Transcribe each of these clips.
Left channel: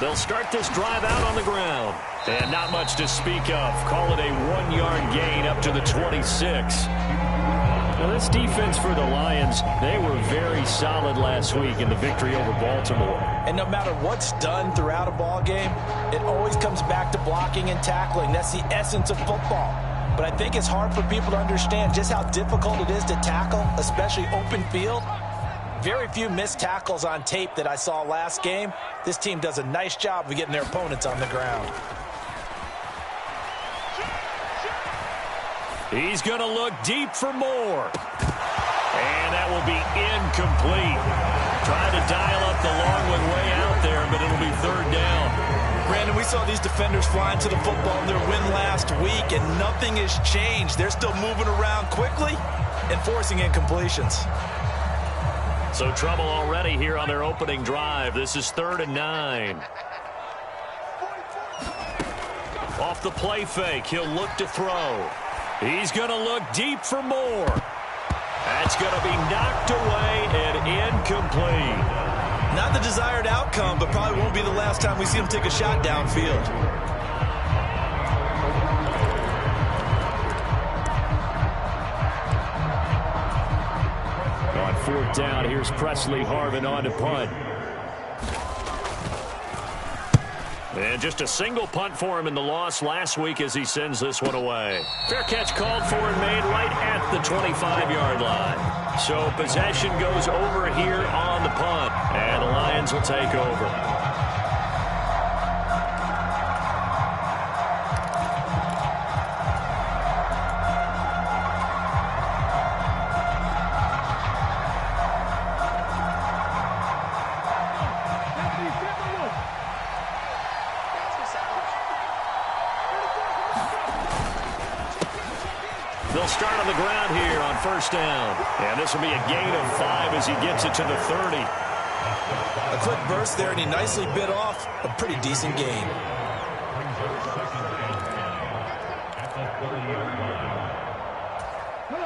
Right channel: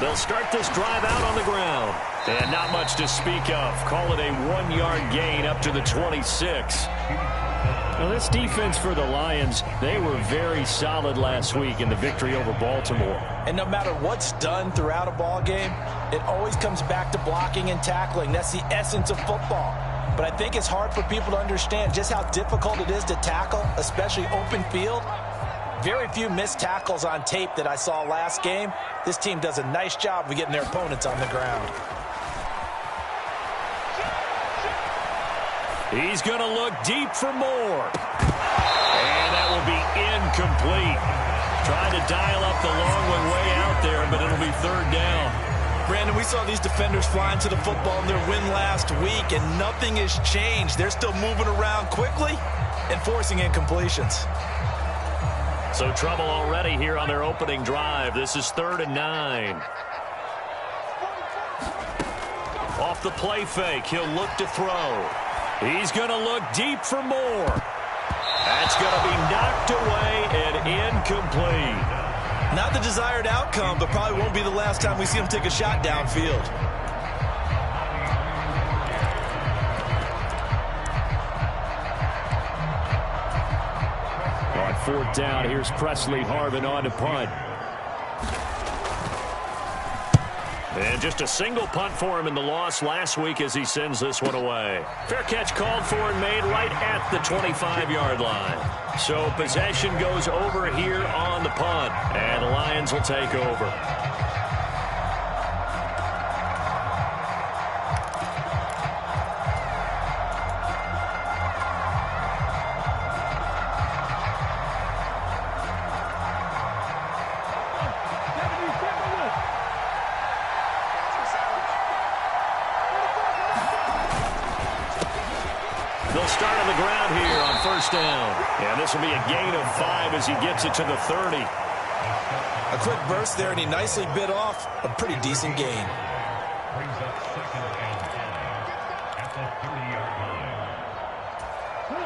They'll start this drive out on the ground. And not much to speak of. Call it a 1-yard gain up to the 26. Now, this defense for the Lions, they were very solid last week in the victory over Baltimore. And no matter what's done throughout a ball game, it always comes back to blocking and tackling. That's the essence of football. But I think it's hard for people to understand just how difficult it is to tackle, especially open field. Very few missed tackles on tape that I saw last game. This team does a nice job of getting their opponents on the ground. He's going to look deep for more. And that will be incomplete. Trying to dial up the long one way out there, but it'll be third down. Brandon, we saw these defenders flying to the football in their win last week, and nothing has changed. They're still moving around quickly and forcing incompletions. So trouble already here on their opening drive. This is 3rd and 9. Off the play fake, he'll look to throw. He's going to look deep for more. That's going to be knocked away and incomplete. Not the desired outcome, but probably won't be the last time we see him take a shot downfield. On 4th down, here's Presley Harvin on to punt. And just a single punt for him in the loss last week as he sends this one away. Fair catch called for and made right at the 25-yard line. So possession goes over here on the punt, and the Lions will take over. They'll start on the ground here on 1st down. And this will be a gain of 5 as he gets it to the 30. A quick burst there, and he nicely bit off a pretty decent gain.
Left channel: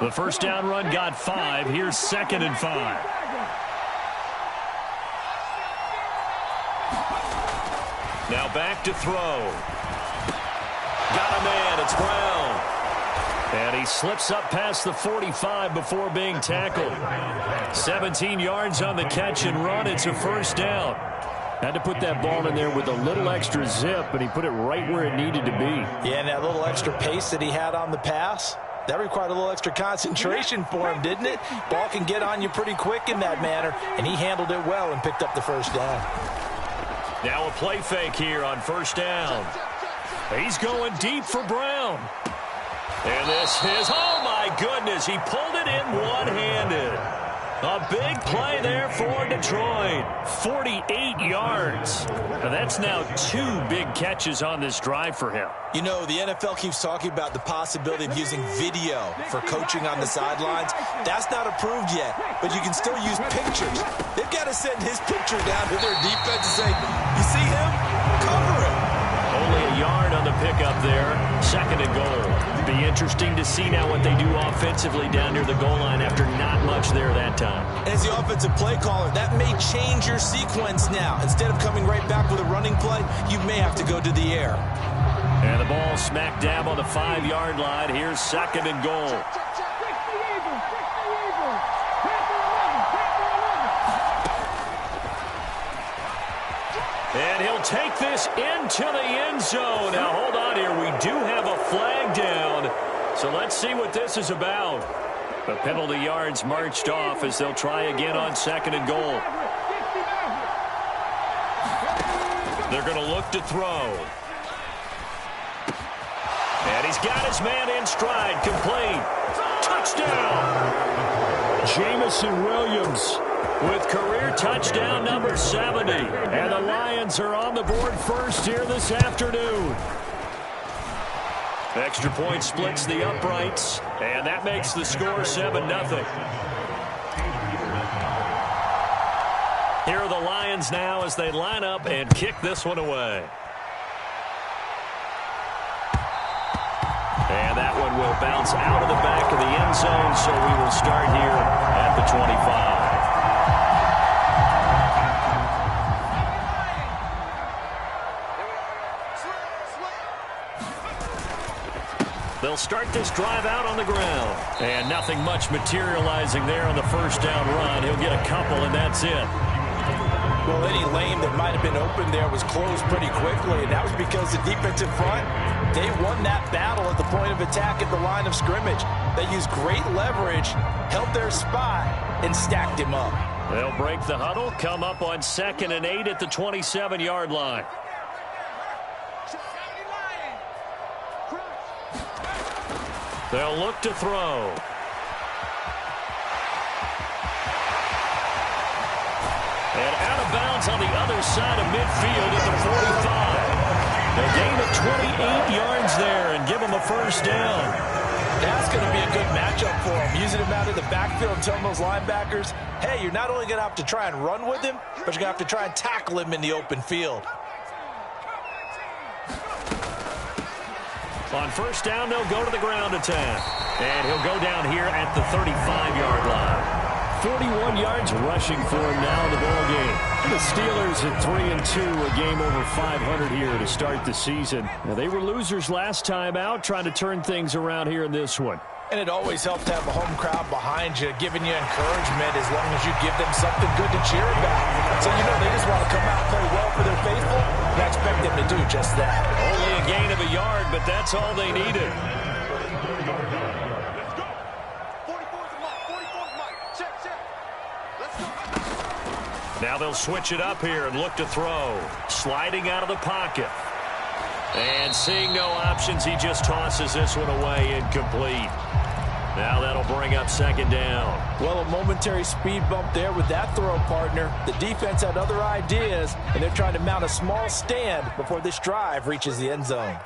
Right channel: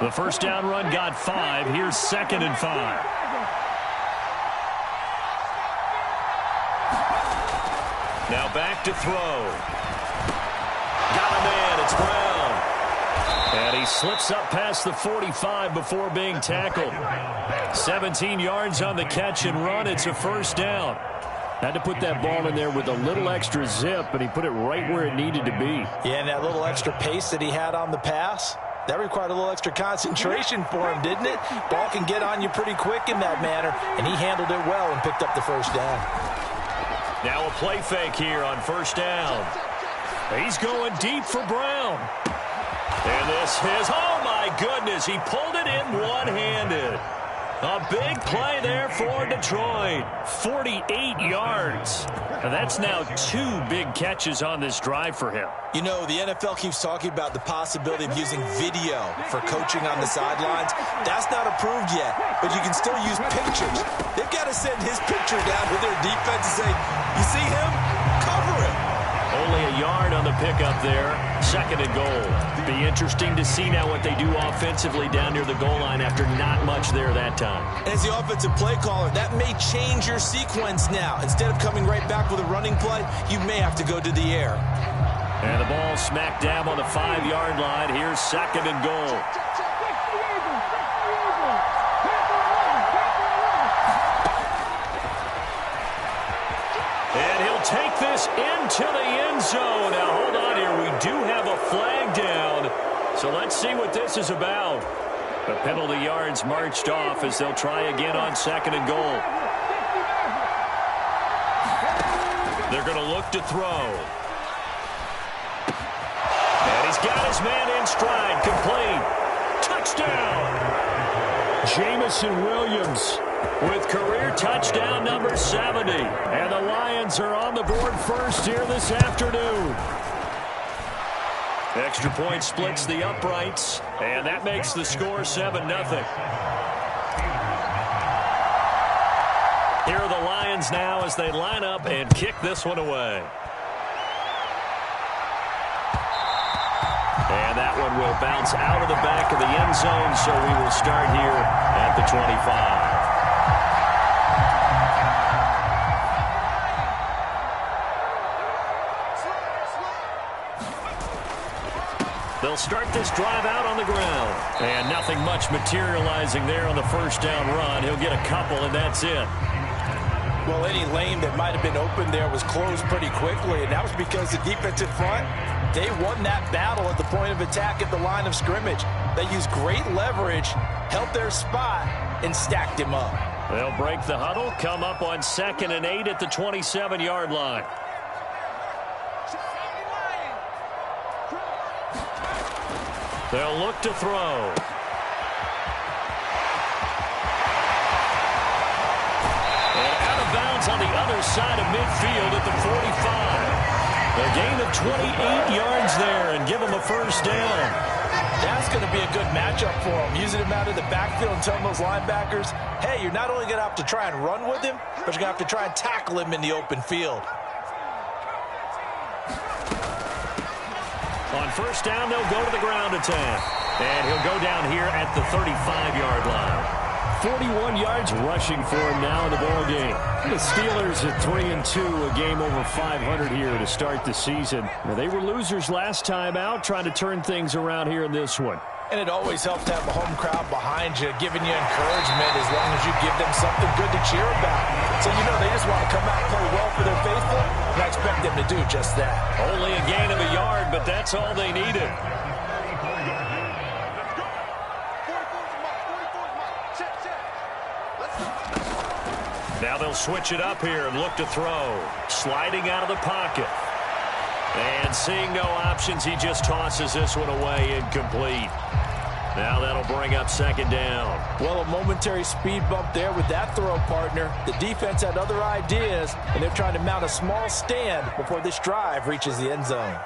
The 1st down run got 5. Here's 2nd and 5. Now back to throw. Got a man. It's Brown. And he slips up past the 45 before being tackled. 17 yards on the catch and run. It's a 1st down. Had to put that ball in there with a little extra zip, and he put it right where it needed to be. Yeah, and that little extra pace that he had on the pass, that required a little extra concentration for him, didn't it? Ball can get on you pretty quick in that manner, and he handled it well and picked up the 1st down. Now a play fake here on 1st down. He's going deep for Brown. And this is, oh my goodness, he pulled it in one-handed. A big play there for Detroit. 48 yards. And that's now 2 big catches on this drive for him. You know, the NFL keeps talking about the possibility of using video for coaching on the sidelines. That's not approved yet, but you can still use pictures. They've got to send his picture down to their defense and say, you see him? Cover him. Only a yard on the pickup there. 2nd and goal. Be interesting to see now what they do offensively down near the goal line after not much there that time. As the offensive play caller, that may change your sequence now. Instead of coming right back with a running play, you may have to go to the air. And the ball smack dab on the 5-yard line. Here's 2nd and goal. And he'll take this into the end zone. Now, hold on here. We do have a flag down. So let's see what this is about. The penalty yards marched off as they'll try again on 2nd and goal. They're going to look to throw. And he's got his man in stride. Complete. Touchdown. Jamison Williams with career touchdown number 70. And the Lions are on the board first here this afternoon. Extra point splits the uprights, and that makes the score 7-0. Here are the Lions now as they line up and kick this one away. And that one will bounce out of the back of the end zone, so we will start here at the 25. They'll start this drive out on the ground. And nothing much materializing there on the first down run. He'll get a couple, and that's it. Well, any lane that might have been open there was closed pretty quickly, and that was because the defensive front, they won that battle at the point of attack at the line of scrimmage. They used great leverage, held their spot, and stacked him up. They'll break the huddle, come up on 2nd and 8 at the 27-yard line. They'll look to throw. And out of bounds on the other side of midfield at the 45. A gain of 28 yards there and give them a first down. That's going to be a good matchup for him. Using him out of the backfield and telling those linebackers, hey, you're not only going to have to try and run with him, but you're going to have to try and tackle him in the open field. On first down, they'll go to the ground attack. And he'll go down here at the 35-yard line. 41 yards rushing for him now in the ball game. The Steelers at 3-2, a game over 500 here to start the season. Now, they were losers last time out, trying to turn things around here in this one. And it always helps to have a home crowd behind you, giving you encouragement as long as you give them something good to cheer about. So, you know, they just want to come out and play well for their faithful, and I expect them to do just that. Only a gain of a yard, but that's all they needed. Now they'll switch it up here and look to throw. Sliding out of the pocket. And seeing no options, he just tosses this one away, incomplete. Now that'll bring up 2nd down. Well, a momentary speed bump there with that throw, partner. The defense had other ideas, and they're trying to mount a small stand before this drive reaches the end zone.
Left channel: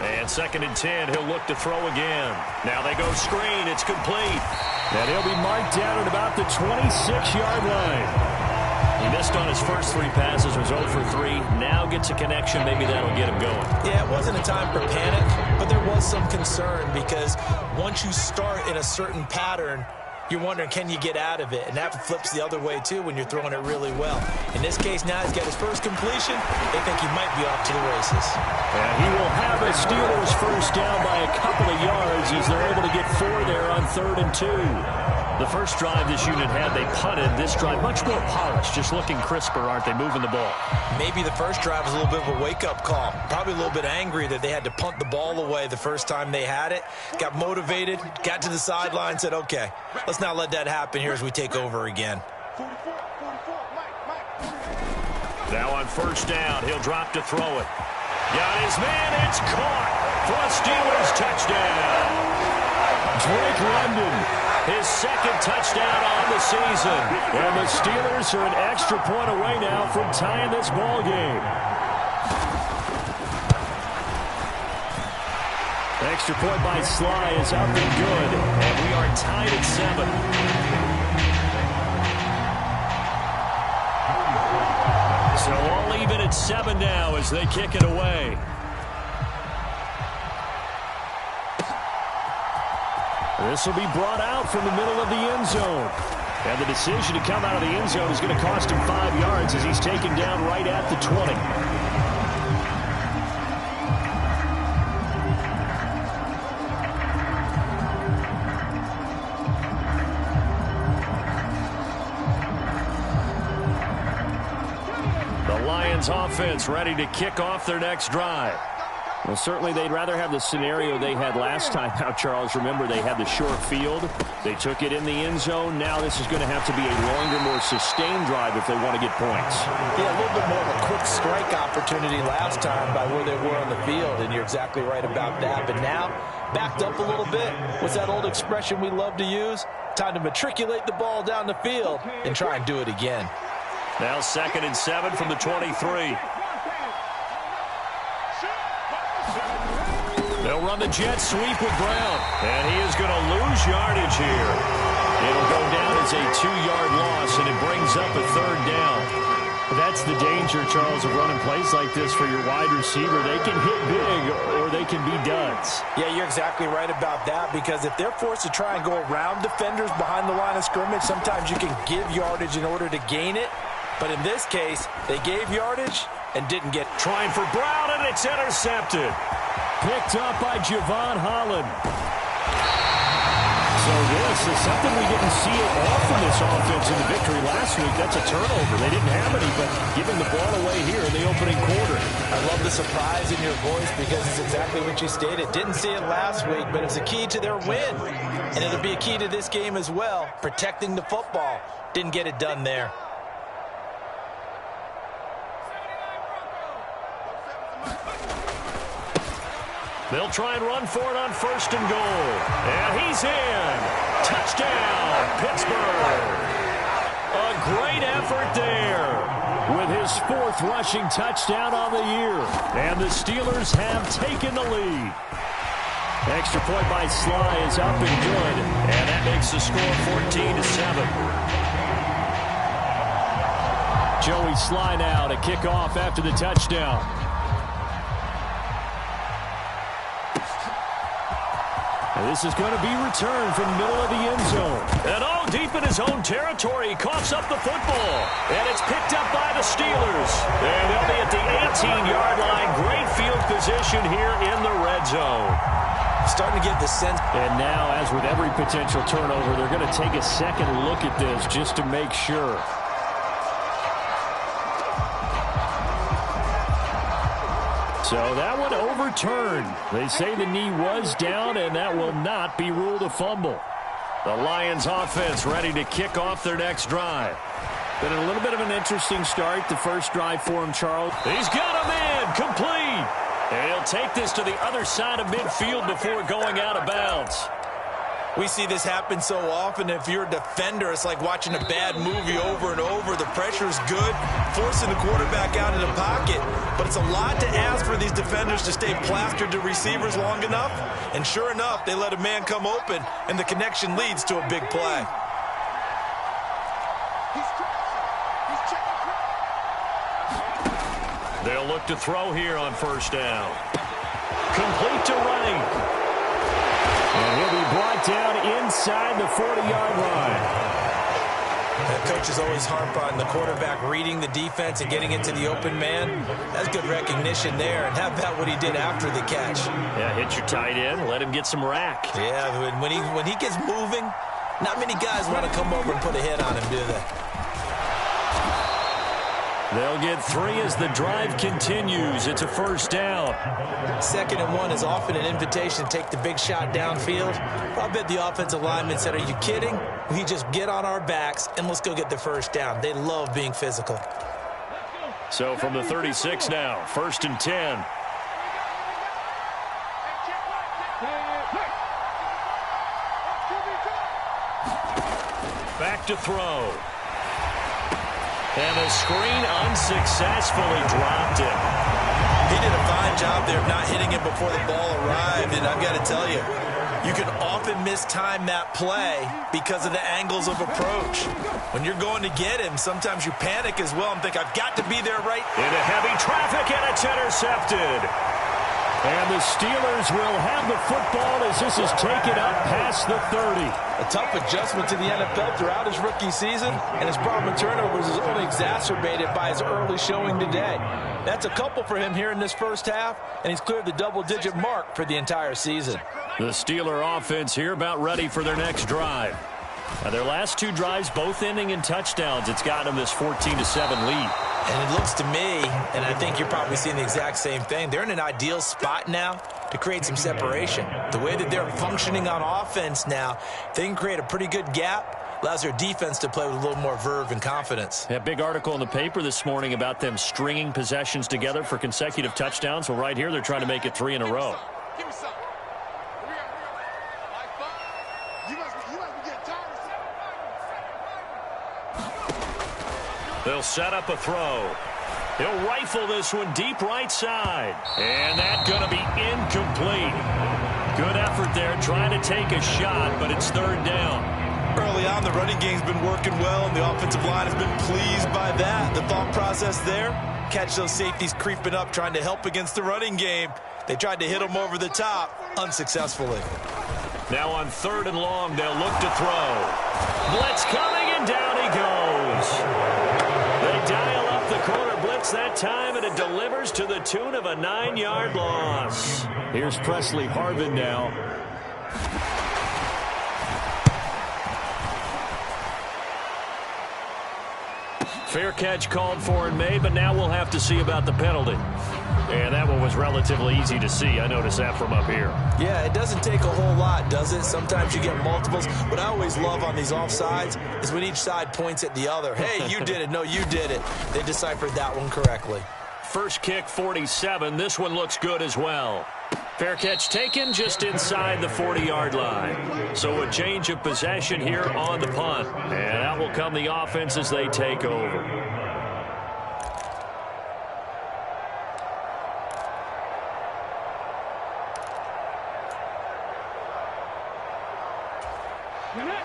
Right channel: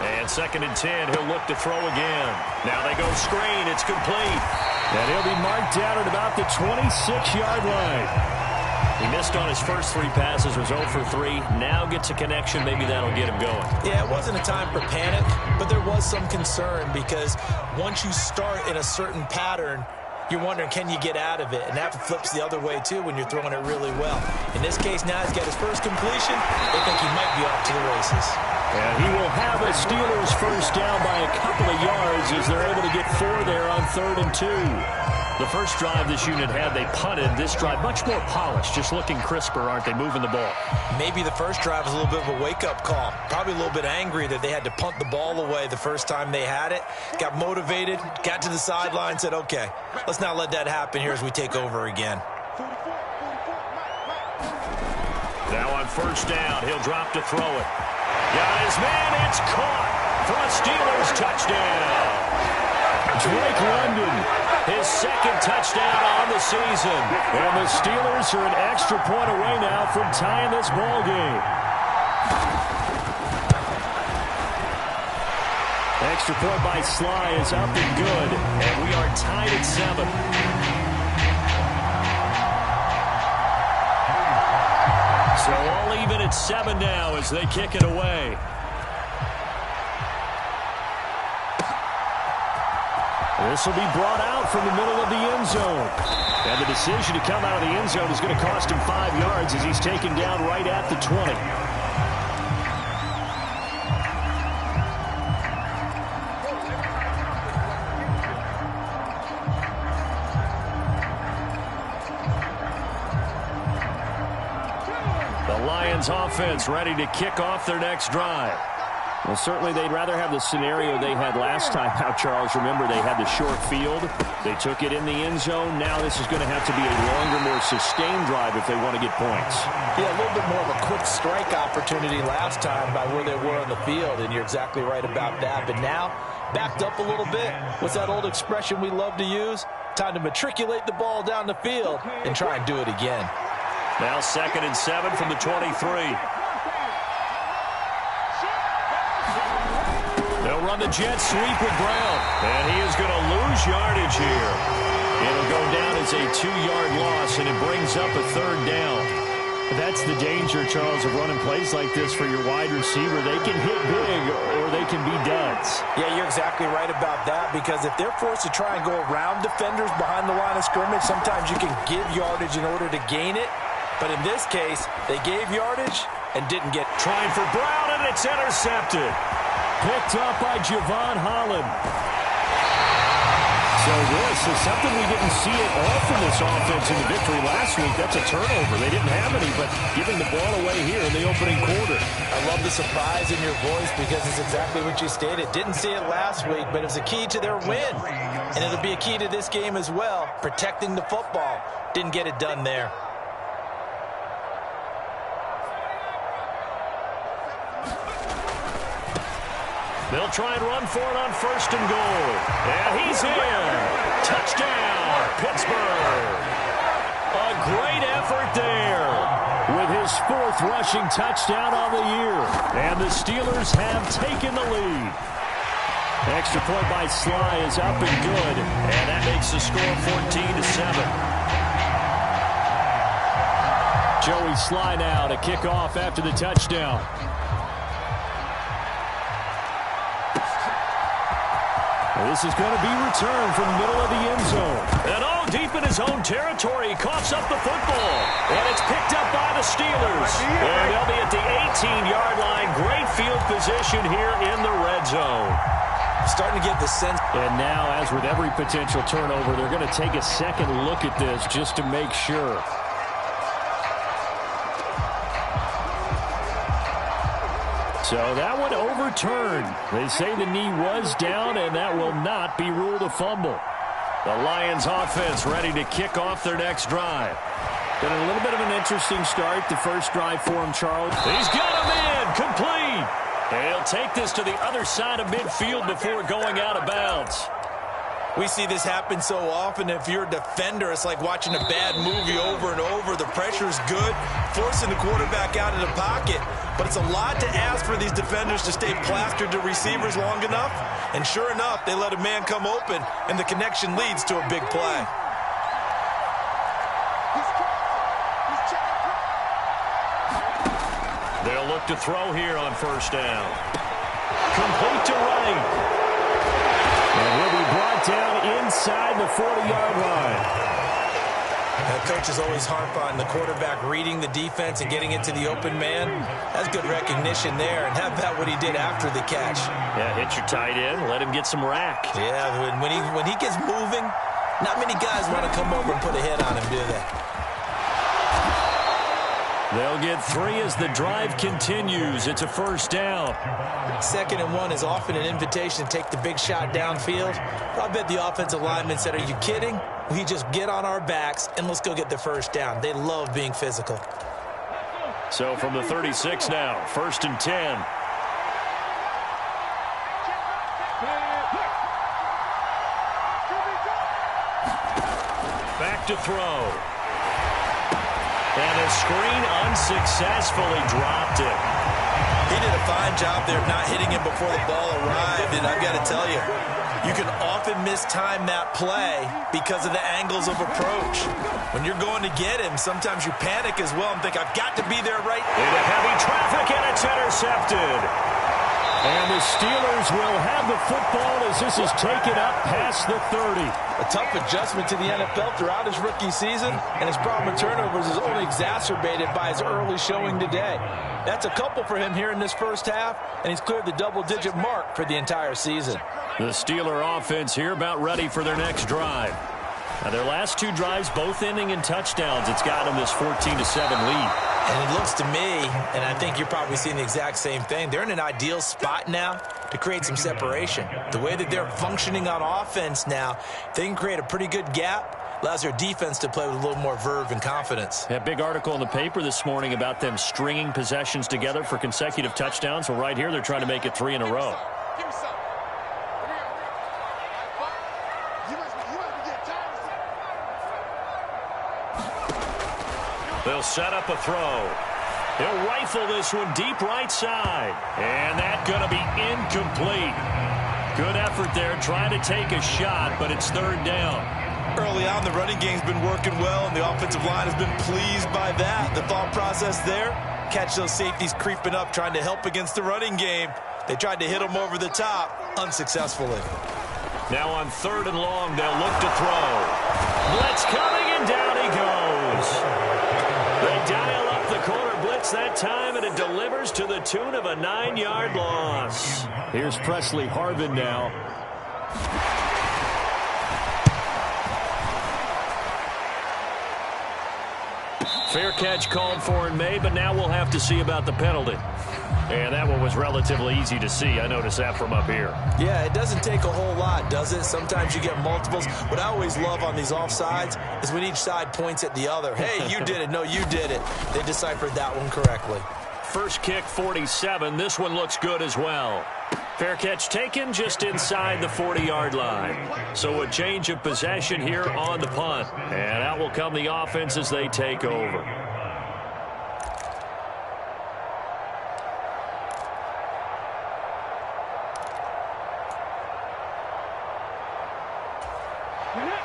And 2nd and 10, he'll look to throw again. Now they go screen, it's complete. And he'll be marked down at about the 26-yard line. He missed on his first 3 passes, was 0 for 3. Now gets a connection, maybe that'll get him going. Yeah, it wasn't a time for panic, but there was some concern because once you start in a certain pattern, you're wondering, can you get out of it? And that flips the other way, too, when you're throwing it really well. In this case, now he's got his first completion. They think he might be off to the races. And he will have a Steelers first down by a couple of yards as they're able to get 4 there on 3rd and 2. The first drive this unit had, they punted. This drive, much more polished, just looking crisper, aren't they, moving the ball? Maybe the first drive was a little bit of a wake-up call. Probably a little bit angry that they had to punt the ball away the first time they had it. Got motivated, got to the sideline, said, okay, let's not let that happen here as we take over again. Now on first down, he'll drop to throw it. Got his man, it's caught for a Steelers touchdown. Drake London, his 2nd touchdown on the season. And the Steelers are an extra point away now from tying this ball game. Extra point by Sly is up and good. And we are tied at 7. So all even at 7 now as they kick it away. This will be brought out from the middle of the end zone. And the decision to come out of the end zone is going to cost him 5 yards as he's taken down right at the 20. The Lions offense ready to kick off their next drive. Well, certainly they'd rather have the scenario they had last time out, Charles. Remember, they had the short field. They took it in the end zone. Now this is going to have to be a longer, more sustained drive if they want to get points. Yeah, a little bit more of a quick strike opportunity last time by where they were on the field, and you're exactly right about that. But now, backed up a little bit. What's that old expression we love to use? Time to matriculate the ball down the field and try and do it again. Now 2nd and 7 from the 23. They'll run the jet sweep with Brown. And he is going to lose yardage here. It'll go down as a 2-yard loss, and it brings up a 3rd down. That's the danger, Charles, of running plays like this for your wide receiver. They can hit big or they can be duds. Yeah, you're exactly right about that, because if they're forced to try and go around defenders behind the line of scrimmage, sometimes you can give yardage in order to gain it. But in this case, they gave yardage, and didn't get. Trying for Brown, and it's intercepted. Picked up by Javon Holland. So this is something we didn't see at all from this offense in the victory last week. That's a turnover. They didn't have any, but giving the ball away here in the opening quarter. I love the surprise in your voice because it's exactly what you stated. Didn't see it last week, but it's a key to their win. And it'll be a key to this game as well, protecting the football. Didn't get it done there. They'll try and run for it on 1st and goal. And he's in. Touchdown, Pittsburgh. A great effort there with his 4th rushing touchdown on the year. And the Steelers have taken the lead. Extra point by Sly is up and good. And that makes the score 14-7. Joey Sly now to kick off after the touchdown. This is going to be returned from the middle of the end zone. And deep in his own territory, he coughs up the football. And it's picked up by the Steelers. And they'll be at the 18-yard line. Great field position here in the red zone. Starting to get the sense. And now, as with every potential turnover, they're going to take a second look at this just to make sure. So that one overturned. They say the knee was down, and that will not be ruled a fumble. The Lions offense ready to kick off their next drive. Been a little bit of an interesting start, the first drive for him, Charles. He's got him in, complete. And he'll take this to the other side of midfield before going out of bounds. We see this happen so often. If you're a defender, it's like watching a bad movie over and over. The pressure is good, forcing the quarterback out of the pocket. But it's a lot to ask for these defenders to stay plastered to receivers long enough. And sure enough, they let a man come open, and the connection leads to a big play. They'll look to throw here on 1st down. Complete to right. And he'll be brought down inside the 40-yard line. Coaches always harp on the quarterback reading the defense and getting into the open man. That's good recognition there. And how about what he did after the catch? Yeah, hit your tight end, let him get some rack. Yeah, when he gets moving, not many guys want to come over and put a hit on him, do they? They'll get 3 as the drive continues. It's a 1st down. 2nd and 1 is often an invitation to take the big shot downfield. I bet the offensive lineman said, are you kidding? We just get on our backs and let's go get the 1st down. They love being physical. So from the 36 now, 1st and 10. Back to throw. And a screen unsuccessfully dropped it. He did a fine job there of not hitting him before the ball arrived. And I've got to tell you, you can often mistime that play because of the angles of approach. When you're going to get him, sometimes you panic as well and think, I've got to be there right. Into heavy traffic, and it's intercepted. And the Steelers will have the football as this is taken up past the 30. A tough adjustment to the NFL throughout his rookie season, and his problem with turnovers is only exacerbated by his early showing today. That's a couple for him here in this 1st half, and he's cleared the double-digit mark for the entire season. The Steeler offense here about ready for their next drive. Now, their last 2 drives, both ending in touchdowns. It's got them this 14-7 lead. And it looks to me, and I think you're probably seeing the exact same thing, they're in an ideal spot now to create some separation. The way that they're functioning on offense now, they can create a pretty good gap, allows their defense to play with a little more verve and confidence. A big article in the paper this morning about them stringing possessions together for consecutive touchdowns. Well, right here, they're trying to make it 3 in a row. Give me some. You must be getting tired of They'll set up a throw. He'll rifle this one deep right side. And that's going to be incomplete. Good effort there trying to take a shot, but it's 3rd down. Early on, the running game's been working well, and the offensive line has been pleased by that. The thought process there, catch those safeties creeping up, trying to help against the running game. They tried to hit them over the top, unsuccessfully. Now on 3rd and long, they'll look to throw. Blitz coming, and down he goes. They dial up the corner blitz takes that time, and it delivers to the tune of a 9-yard loss. Here's Presley Harvin now. Fair catch called for and made, but now we'll have to see about the penalty. And that one was relatively easy to see. I noticed that from up here. Yeah, it doesn't take a whole lot, does it? Sometimes you get multiples. What I always love on these offsides is when each side points at the other. Hey, you did it. No, you did it. They deciphered that one correctly. First kick, 47. This one looks good as well. Fair catch taken just inside the 40-yard line. So a change of possession here on the punt. And out will come the offense as they take over.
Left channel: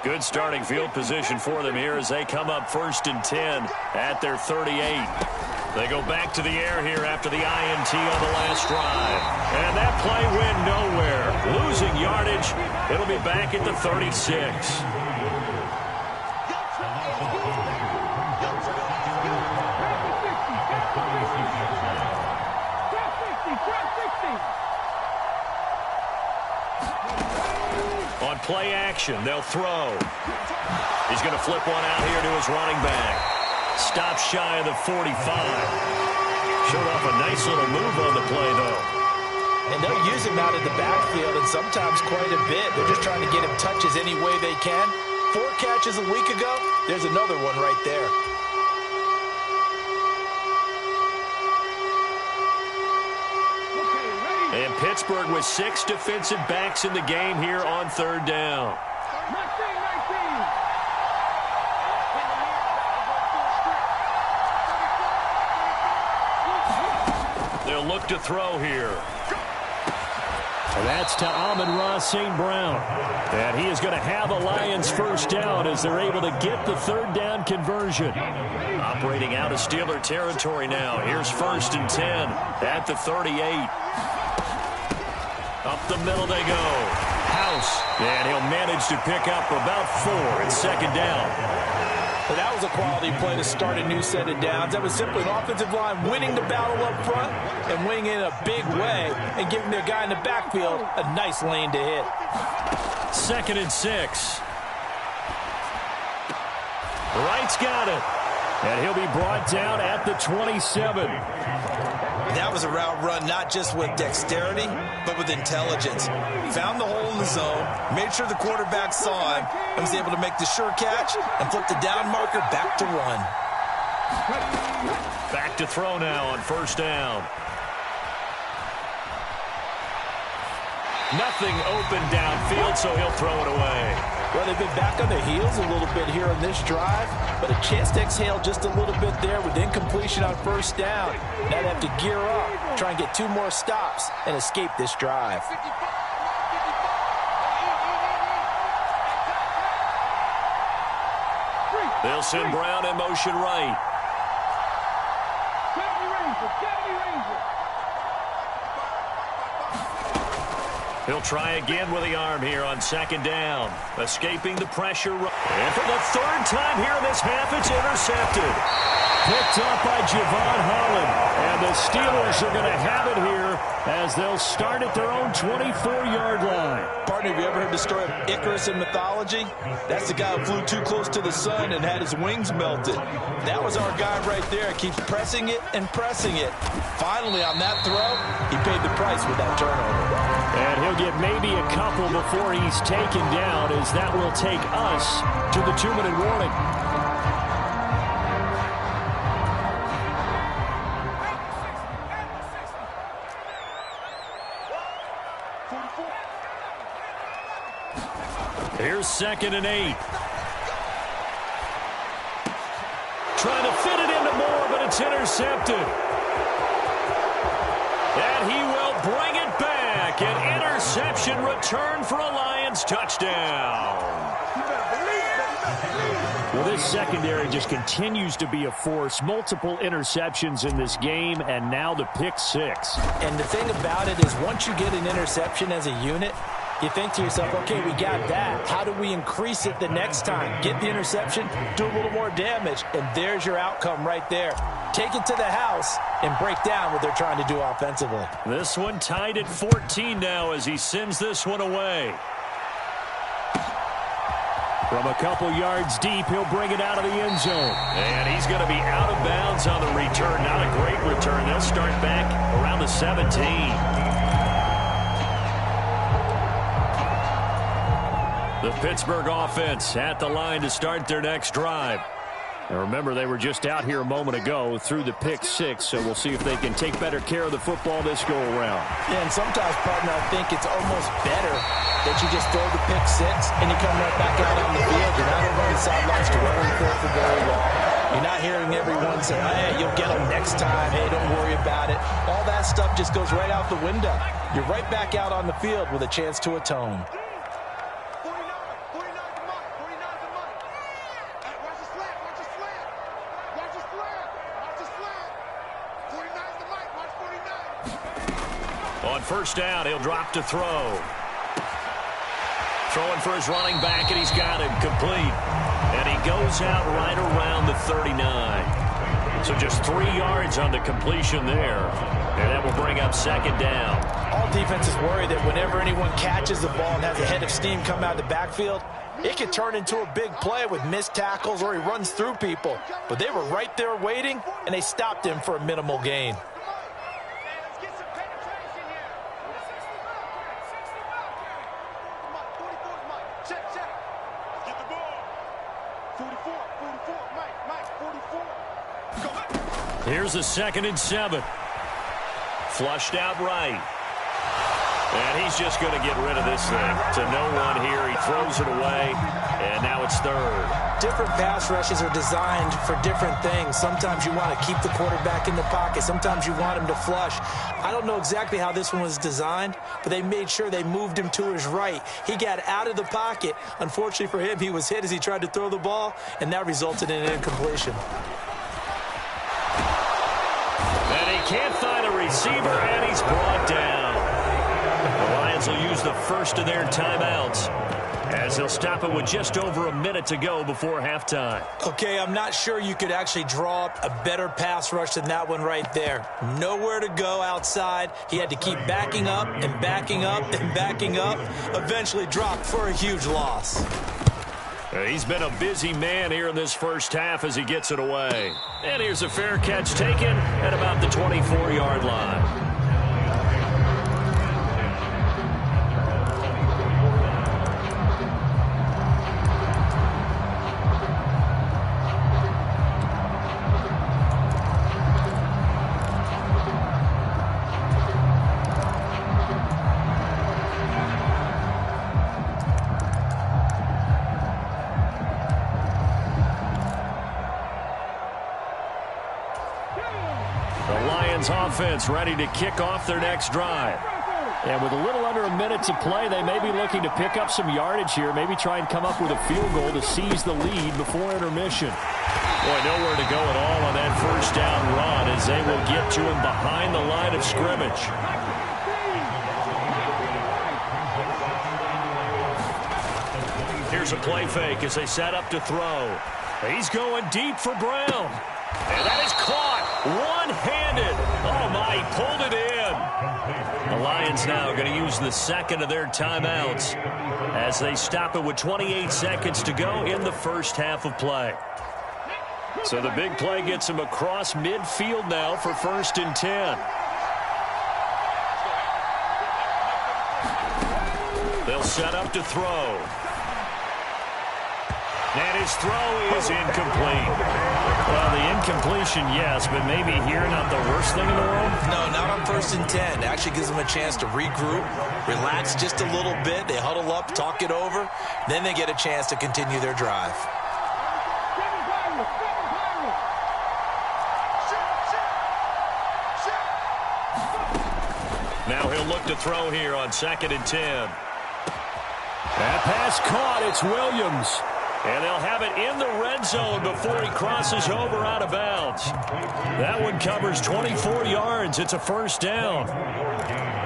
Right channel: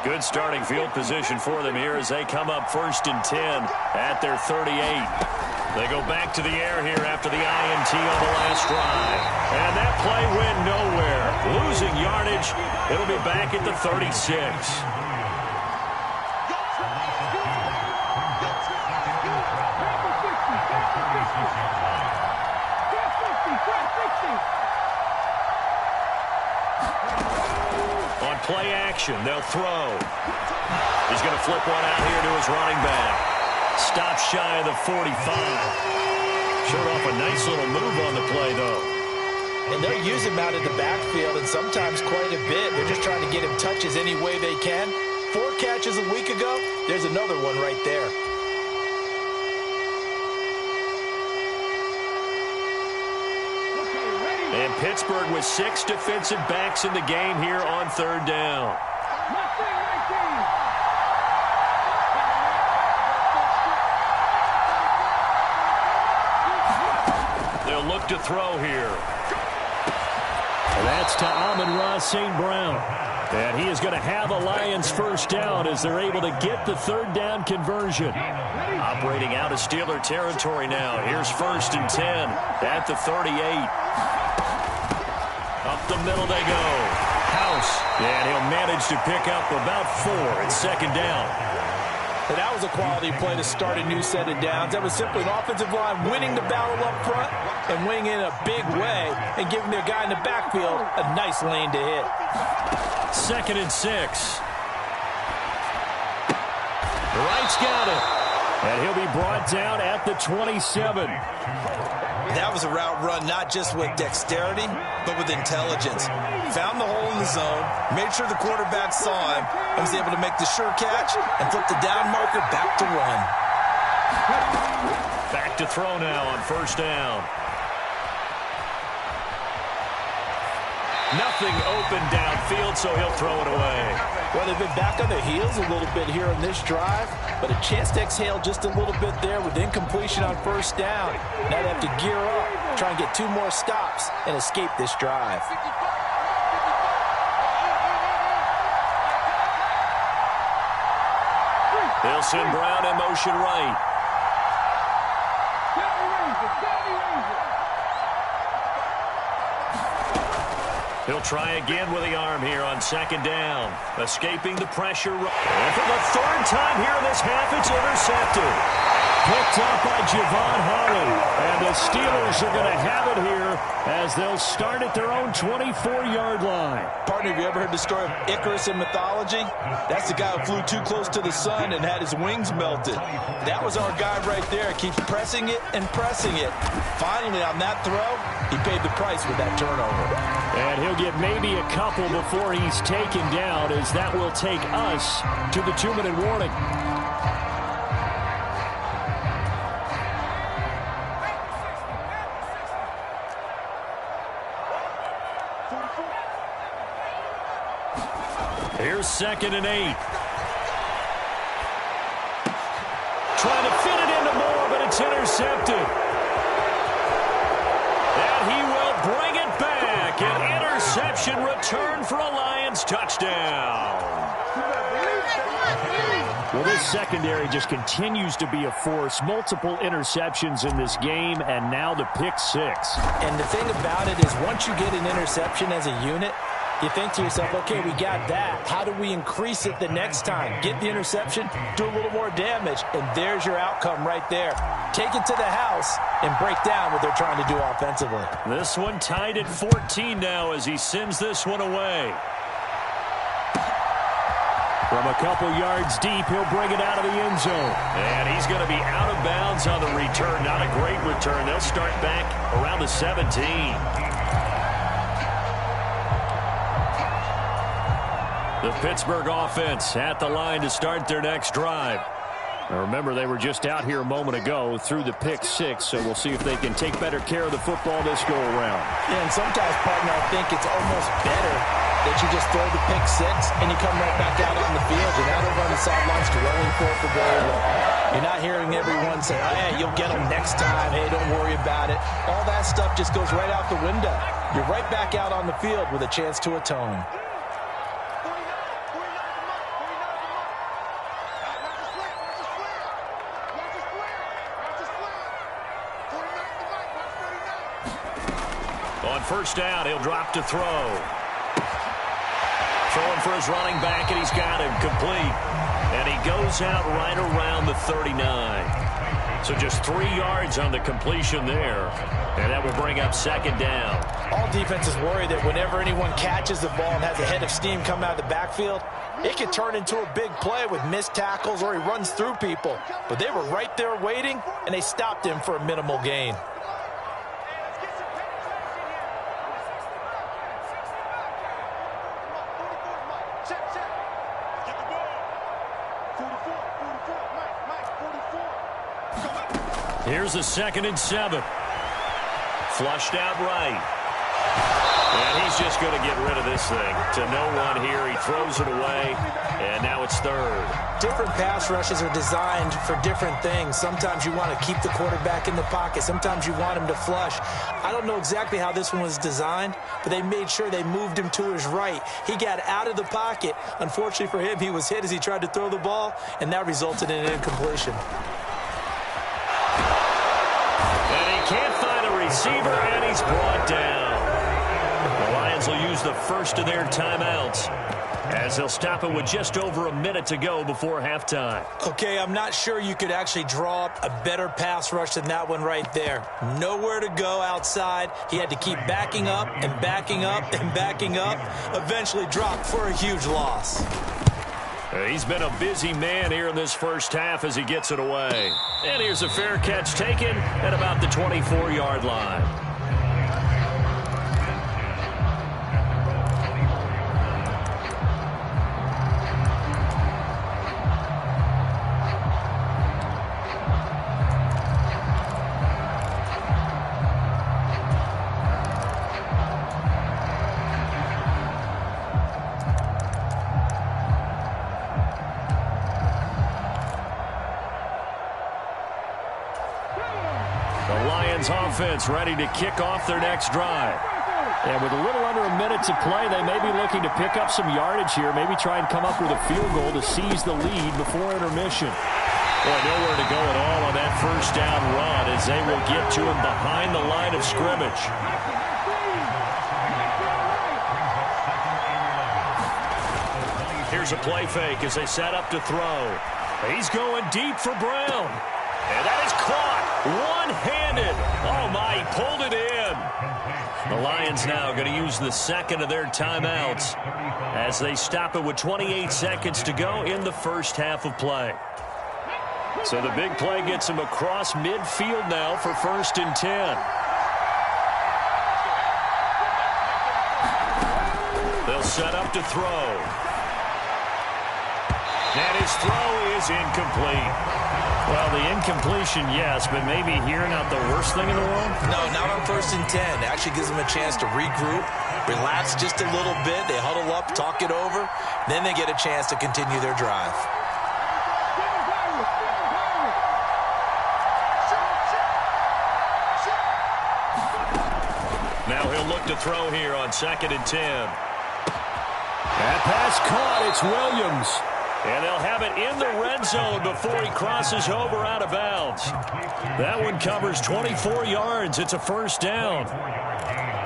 Good starting field position for them here as they come up 1st and 10 at their 38. They go back to the air here after the INT on the last drive. And that play went nowhere. Losing yardage. It'll be back at the 36. On play action, they'll throw. He's going to flip one out here to his running back. Stops shy of the 45. Showed off a nice little move on the play, though. And they'll use him out in the backfield, and sometimes quite a bit. They're just trying to get him touches any way they can. 4 catches a week ago. There's another one right there. And Pittsburgh with 6 defensive backs in the game here on 3rd down. They'll look to throw here. And that's to Amon-Ra St. Brown. And he is going to have a Lions first down as they're able to get the 3rd down conversion. Operating out of Steeler territory now. Here's 1st and 10 at the 38. Up the middle they go. House. And he'll manage to pick up about 4 at 2nd down. But that was a quality play to start a new set of downs. That was simply an offensive line winning the battle up front and winning in a big way and giving their guy in the backfield a nice lane to hit. 2nd and 6. Wright's got it. And he'll be brought down at the 27. That was a route run not just with dexterity, but with intelligence. Found the hole in the zone, made sure the quarterback saw him, and was able to make the sure catch and flip the down marker back to run. Back to throw now on 1st down. Nothing open downfield, so he'll throw it away. Well, they've been back on their heels a little bit here on this drive, but a chance to exhale just a little bit there with incompletion on 1st down. Now they have to gear up, try and get 2 more stops, and escape this drive. They'll send Brown in motion right. He'll try again with the arm here on 2nd down. Escaping the pressure. And for the 3rd time here in this half, it's intercepted. Picked up by Javon Holland. And the Steelers are going to have it here as they'll start at their own 24-yard line. Partner, have you ever heard the story of Icarus in mythology? That's the guy who flew too close to the sun and had his wings melted. That was our guy right there. Keeps pressing it and pressing it. Finally, on that throw, he paid the price with that turnover. And he'll get maybe a couple before he's taken down, as that will take us to the 2-minute warning. Here's 2nd and 8. Trying to fit it into Moore, but it's intercepted. And he will bring it back. An interception return for a Lions touchdown. Well, this secondary just continues to be a force. Multiple interceptions in this game, and now the pick 6. And the thing about it is once you get an interception as a unit, You think to yourself, okay, we got that. How do we increase it the next time? Get the interception, do a little more damage, and there's your outcome right there. Take it to the house and break down what they're trying to do offensively. This one tied at 14 now as he sends this one away. From a couple yards deep, he'll bring it out of the end zone. And he's going to be out of bounds on the return. Not a great return. They'll start back around the 17. The Pittsburgh offense at the line to start their next drive. Now remember, they were just out here a moment ago through the pick six, so we'll see if they can take better care of the football this go-around. Yeah, and sometimes, partner, I think it's almost better that you just throw the pick six and you come right back out on the field. You're not over on the sidelines rolling for it for very long. You're not hearing everyone say, oh, hey, you'll get them next time. Hey, don't worry about it. All that stuff just goes right out the window. You're right back out on the field with a chance to atone. On first down, he'll drop to throw. Throwing for his running back, and he's got him complete. And he goes out right around the 39. So just 3 yards on the completion there. And that will bring up second down. All defenses worry that whenever anyone catches the ball and has a head of steam come out of the backfield, it can turn into a big play with missed tackles or he runs through people. But they were right there waiting, and they stopped him for a minimal gain. Here's a 2nd and 7. Flushed out right. And he's just going to get rid of this thing to no one here. He throws it away, and now it's 3rd. Different pass rushes are designed for different things. Sometimes you want to keep the quarterback in the pocket. Sometimes you want him to flush. I don't know exactly how this one was designed, but they made sure they moved him to his right. He got out of the pocket. Unfortunately for him, he was hit as he tried to throw the ball, and that resulted in an incompletion. And he can't find a receiver, and he's brought down. The Lions will use the first of their timeouts as they'll stop it with just over a minute to go before halftime. Okay, I'm not sure you could actually draw up a better pass rush than that one right there. Nowhere to go outside. He had to keep backing up and backing up and backing up. Eventually dropped for a huge loss. He's been a busy man here in this first half as he gets it away. And here's a fair catch taken at about the 24-yard line. Offense ready to kick off their next drive. And with a little under a minute to play, they may be looking to pick up some yardage here, maybe try and come up with a field goal to seize the lead before intermission. Boy, nowhere to go at all on that first down run as they will get to him behind the line of scrimmage. Here's a play fake as they set up to throw. He's going deep for Brown. And that is caught one-handed. Oh, my, he pulled it in. The Lions now going to use the second of their timeouts as they stop it with 28 seconds to go in the first half of play. So the big play gets him across midfield now for 1st and 10. They'll set up to throw. And his throw is incomplete. Well, the incompletion, yes, but maybe here not the worst thing in the world? No, not on 1st and 10. It actually gives them a chance to regroup, relax just a little bit. They huddle up, talk it over. Then they get a chance to continue their drive. Now he'll look to throw here on 2nd and 10. That pass caught. It's Williams. And they'll have it in the red zone before he crosses over out of bounds. That one covers 24 yards. It's a 1st down.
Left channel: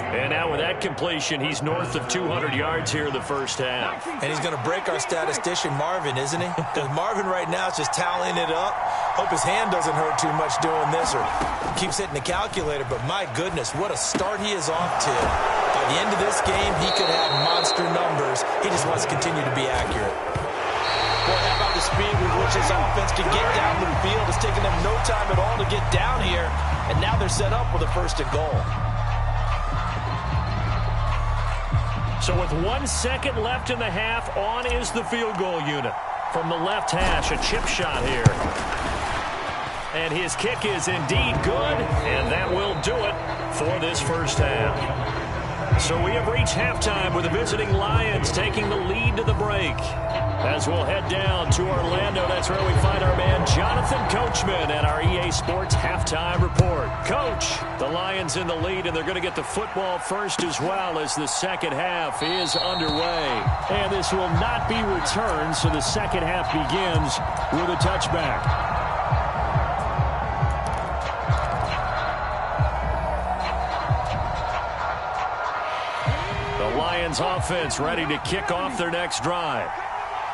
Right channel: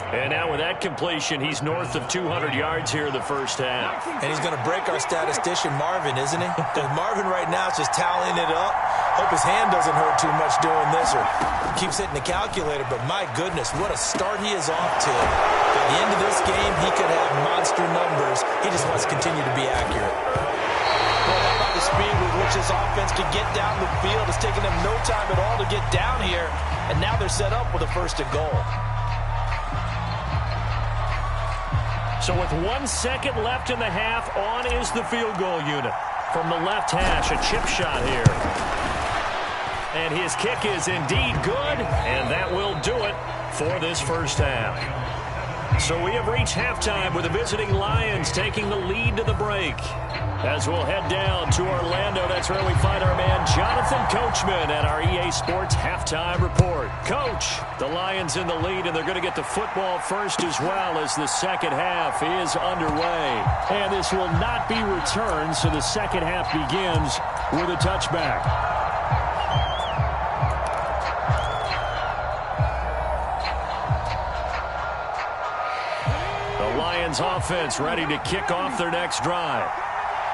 And now with that completion, he's north of 200 yards here in the first half. And he's going to break our statistician, Marvin, isn't he? Because Marvin right now is just tallying it up. Hope his hand doesn't hurt too much doing this or keeps hitting the calculator. But my goodness, what a start he is off to. By the end of this game, he could have monster numbers. He just wants to continue to be accurate. Boy, how about the speed with which this offense can get down the field? It's taken them no time at all to get down here. And now they're set up with a 1st and goal. So with 1 second left in the half, on is the field goal unit. From the left hash, a chip shot here. And his kick is indeed good, and that will do it for this first half. So we have reached halftime with the visiting Lions taking the lead to the break. As we'll head down to Orlando, that's where we find our man Jonathan Coachman at our EA Sports Halftime Report. Coach, the Lions in the lead, and they're going to get the football first as well as the second half is underway. And this will not be returned, so the second half begins with a touchback. The Lions offense ready to kick off their next drive.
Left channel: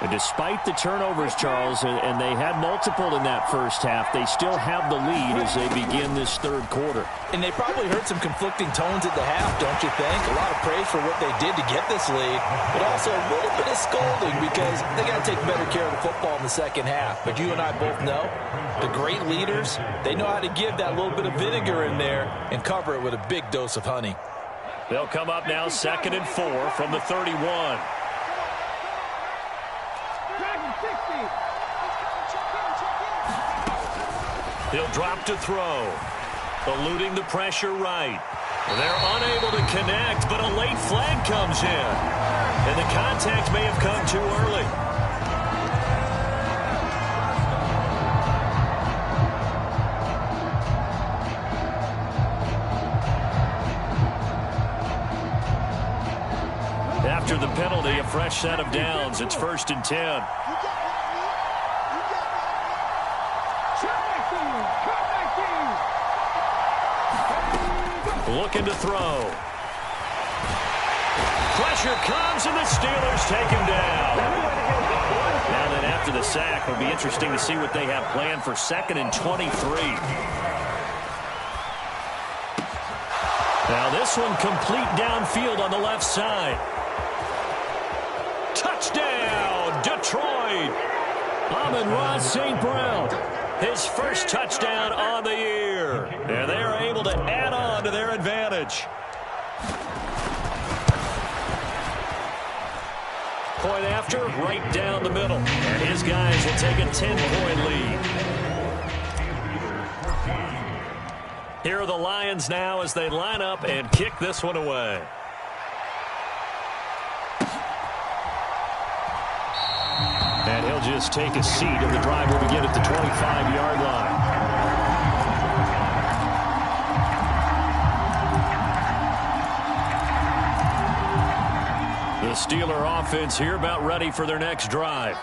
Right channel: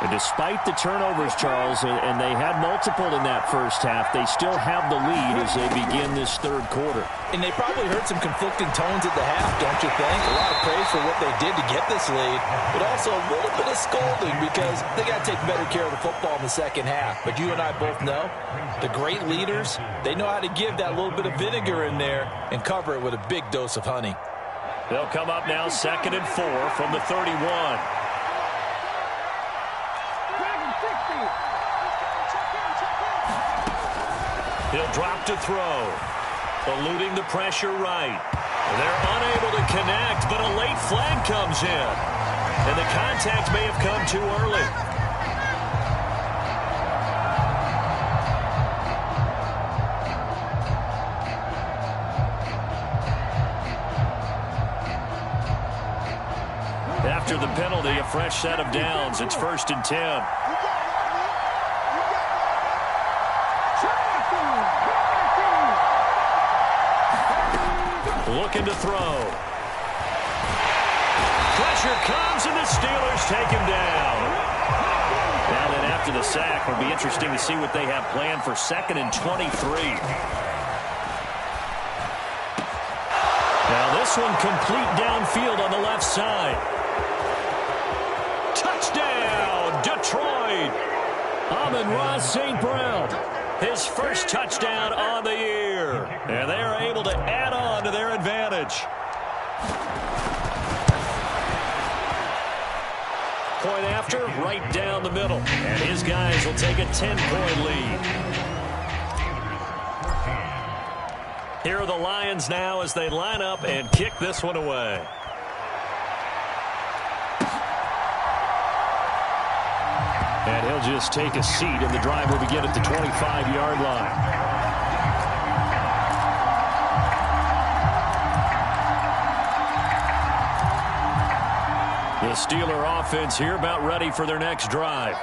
And despite the turnovers, Charles, and they had multiple in that first half, they still have the lead as they begin this third quarter. And they probably heard some conflicting tones at the half, don't you think? A lot of praise for what they did to get this lead, but also a little bit of scolding because they got to take better care of the football in the second half. But you and I both know the great leaders, they know how to give that little bit of vinegar in there and cover it with a big dose of honey. They'll come up now 2nd and 4 from the 31. He'll drop to throw. Eluding the pressure right. They're unable to connect, but a late flag comes in. And the contact may have come too early. After the penalty, a fresh set of downs. It's 1st and 10. Looking to throw. Pressure comes, and the Steelers take him down. Now then, after the sack, it'll be interesting to see what they have planned for 2nd and 23. Now this one complete downfield on the left side. Touchdown, Detroit. Amon-Ra St. Brown. His first touchdown on the year. And they are able to add on to their advantage. Point after, right down the middle. And his guys will take a 10-point lead. Here are the Lions now as they line up and kick this one away. And he'll just take a seat, and the drive will begin at the 25-yard line. The Steeler offense here about ready for their next drive.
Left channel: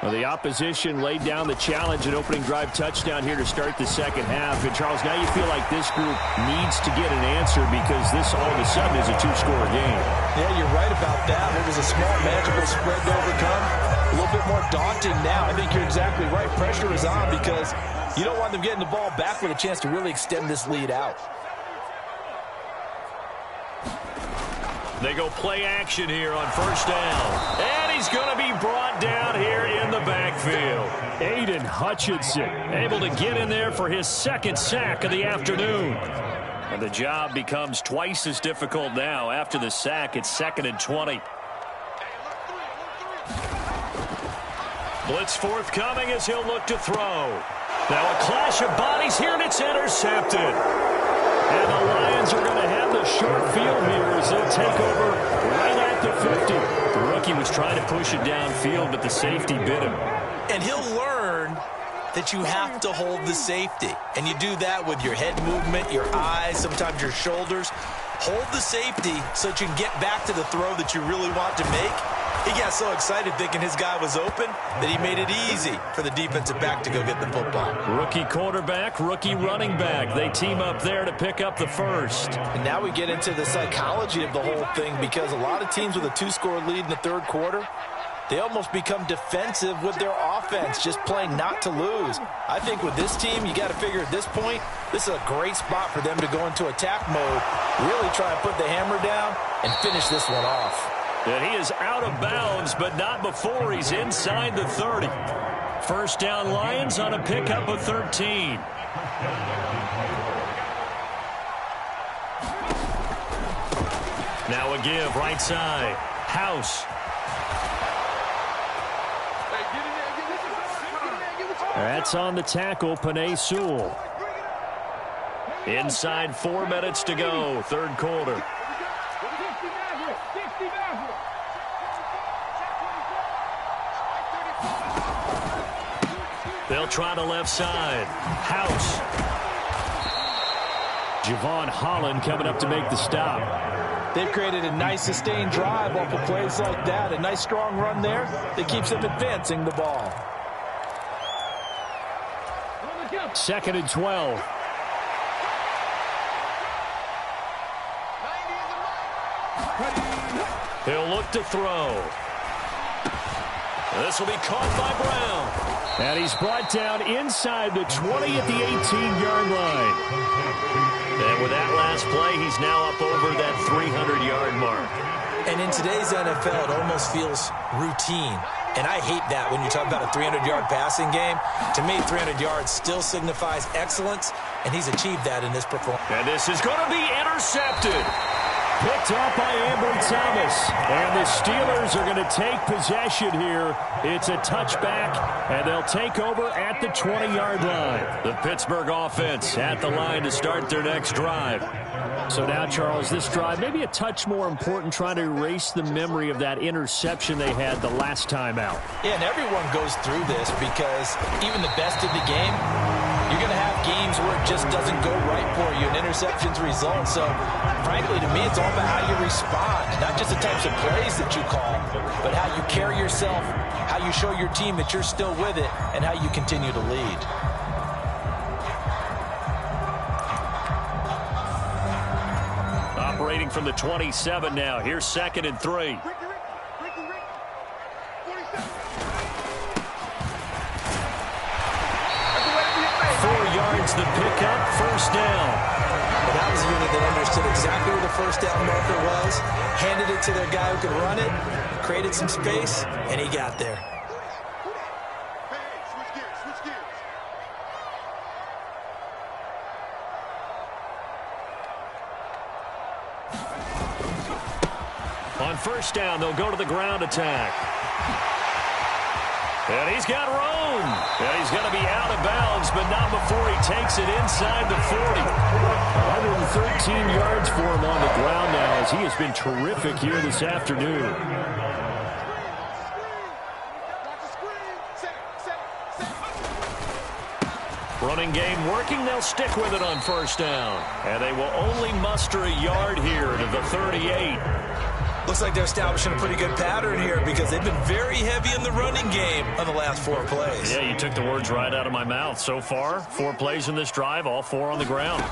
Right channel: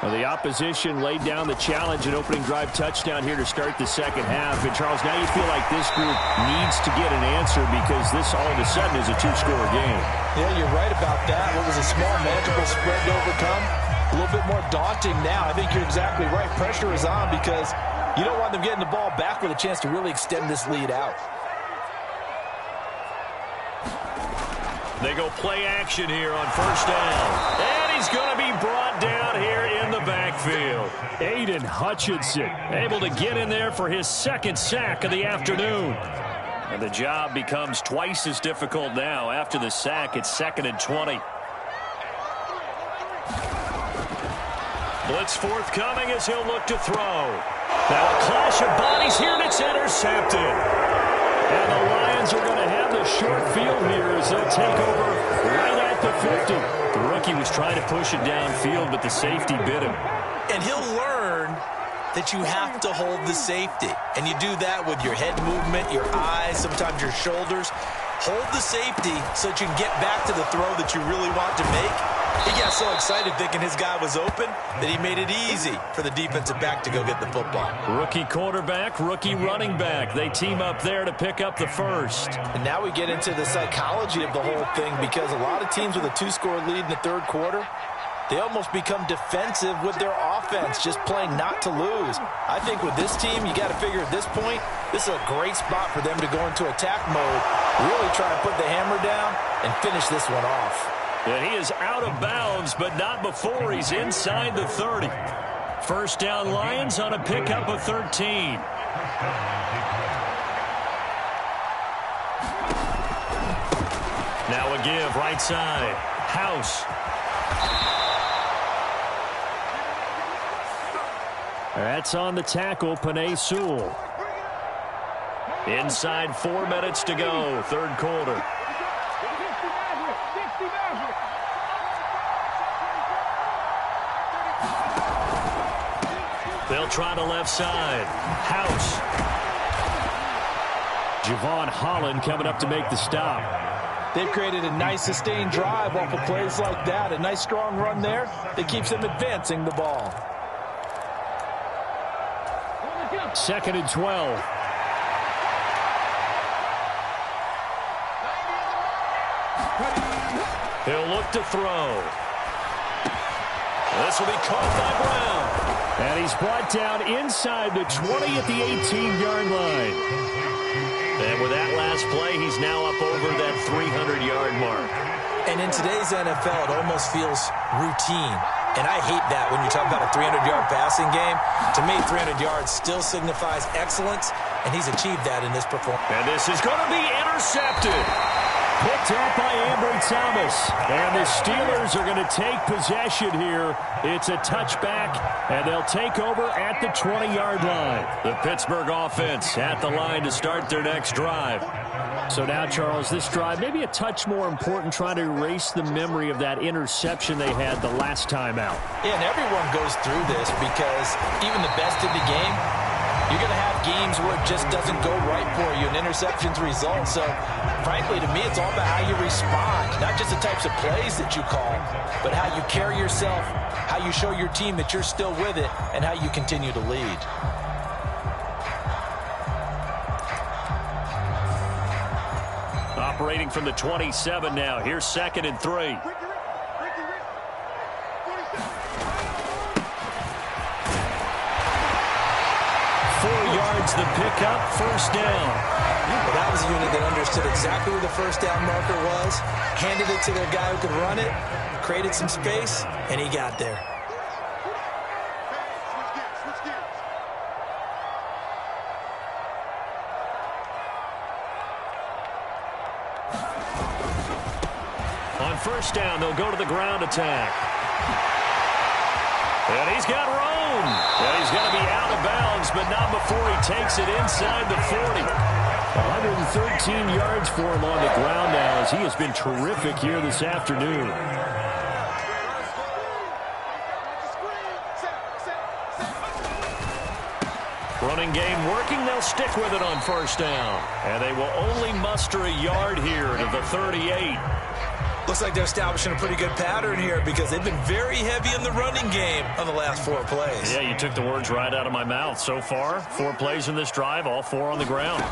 Well, the opposition laid down the challenge and opening drive touchdown here to start the second half. And, Charles, now you feel like this group needs to get an answer because this all of a sudden is a two-score game. Yeah, you're right about that. What was a small, manageable spread to overcome? A little bit more daunting now. I think you're exactly right. Pressure is on because you don't want them getting the ball back with a chance to really extend this lead out. They go play action here on 1st down. And he's going to be brought down here in the backfield. Aiden Hutchinson able to get in there for his 2nd sack of the afternoon. And the job becomes twice as difficult now. After the sack, it's 2nd and 20. Blitz forthcoming as he'll look to throw. Now a clash of bodies here, and it's intercepted. And the Lions are going to have the short field here as they'll take over right at the 50. The rookie was trying to push it downfield, but the safety bit him. And he'll learn that you have to hold the safety. And you do that with your head movement, your eyes, sometimes your shoulders. Hold the safety so that you can get back to the throw that you really want to make. He got so excited thinking his guy was open that he made it easy for the defensive back to go get the football. Rookie quarterback, rookie running back. They team up there to pick up the first. And now we get into the psychology of the whole thing, because a lot of teams with a 2-score lead in the third quarter, they almost become defensive with their offense, just playing not to lose. I think with this team, you got to figure at this point, this is a great spot for them to go into attack mode, really try and put the hammer down and finish this one off. And he is out of bounds, but not before he's inside the 30. First down, Lions on a pickup of 13. Now a give, right side. House. That's on the tackle, Penei Sewell. Inside 4 minutes to go, third quarter. They'll try to left side. House. Javon Holland coming up to make the stop. They've created a nice sustained drive off of plays like that. A nice strong run there that keeps them advancing the ball. 2nd and 12. He'll look to throw. This will be caught by Brown. And he's brought down inside the 20 at the 18-yard line. And with that last play, he's now up over that 300-yard mark. And in today's NFL, it almost feels routine. And I hate that when you talk about a 300-yard passing game. To me, 300 yards still signifies excellence, and he's achieved that in this performance. And this is going to be intercepted. Picked up by Ambry Thomas. And the Steelers are going to take possession here. It's a touchback, and they'll take over at the 20-yard line. The Pittsburgh offense at the line to start their next drive. So now, Charles, this drive maybe a touch more important, trying to erase the memory of that interception they had the last time out. Yeah, and everyone goes through this, because even the best in the game, you're going to have games where it just doesn't go right for you, and interceptions result. So, frankly, to me, it's all about how you respond, not just the types of plays that you call, but how you carry yourself, how you show your team that you're still with it, and how you continue to lead. Operating from the 27 now. Here's 2nd and 3. 4 yards the pickup, first down. But that was a unit that understood exactly where the first down marker was, handed it to their guy who could run it, created some space, and he got there. On first down, they'll go to the ground attack. And he's got room. And he's going to be out of bounds, but not before he takes it inside the 40. 113 yards for him on the ground now, as he has been terrific here this afternoon. Running game working. They'll stick with it on first down. And they will only muster a yard here to the 38. Looks like they're establishing a pretty good pattern here, because they've been very heavy in the running game on the last 4 plays. Yeah, you took the words right out of my mouth. So far, 4 plays in this drive, all 4 on the ground.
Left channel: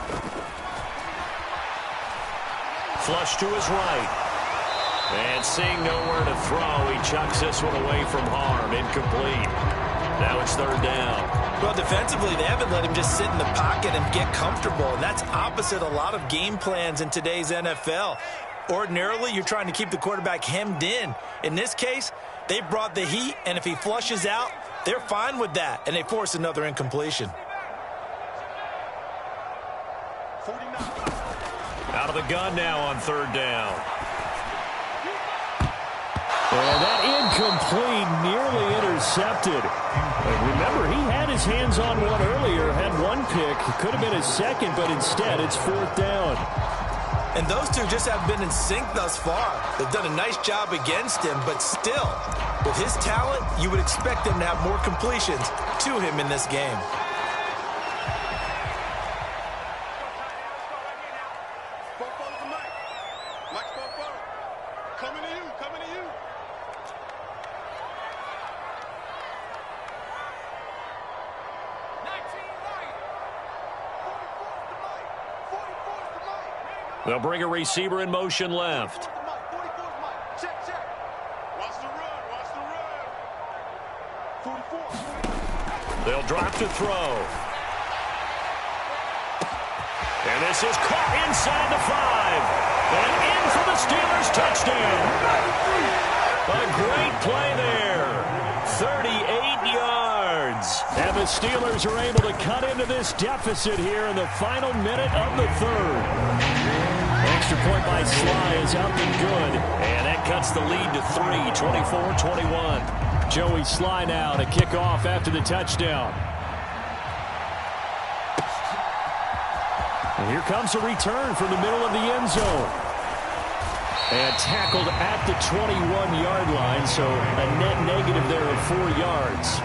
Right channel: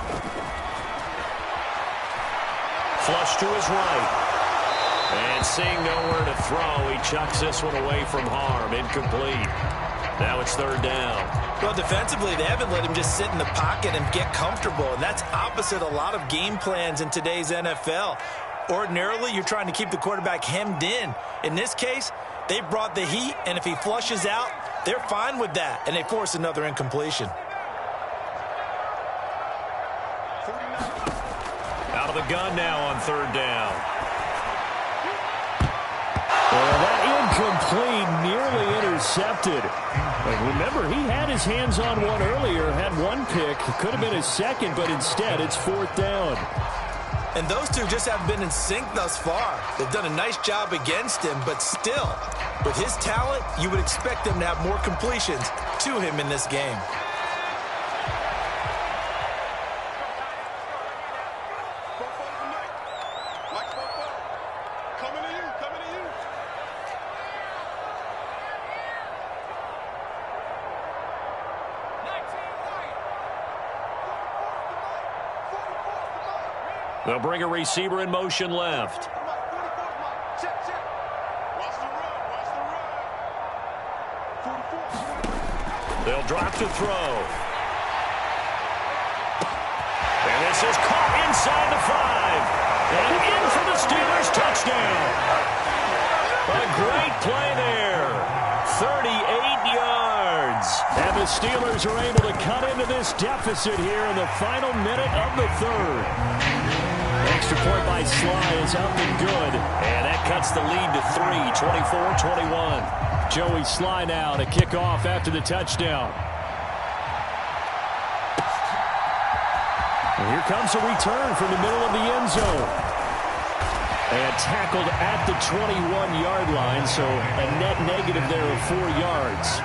Flush to his right. And seeing nowhere to throw, he chucks this one away from harm. Incomplete. Now it's 3rd down. Well, defensively, they haven't let him just sit in the pocket and get comfortable, and that's opposite a lot of game plans in today's NFL. Ordinarily, you're trying to keep the quarterback hemmed in. In this case, they brought the heat, and if he flushes out, they're fine with that, and they force another incompletion. Out of the gun now on 3rd down. And that incomplete, nearly intercepted. But remember, he had his hands on one earlier, had 1 pick. Could have been his 2nd, but instead it's 4th down. And those two just haven't been in sync thus far. They've done a nice job against him, but still, with his talent, you would expect them to have more completions to him in this game. They'll bring a receiver in motion left. Check, check. Watch the run, watch the run. 44. They'll drop to throw. And this is caught inside the 5. And in for the Steelers touchdown. A great play there. 38 yards. And the Steelers are able to cut into this deficit here in the final minute of the third. Extra point by Sly is up and good. And that cuts the lead to 3, 24-21. Joey Sly now to kick off after the touchdown. And here comes a return from the middle of the end zone. And tackled at the 21-yard line, so a net negative there of 4 yards.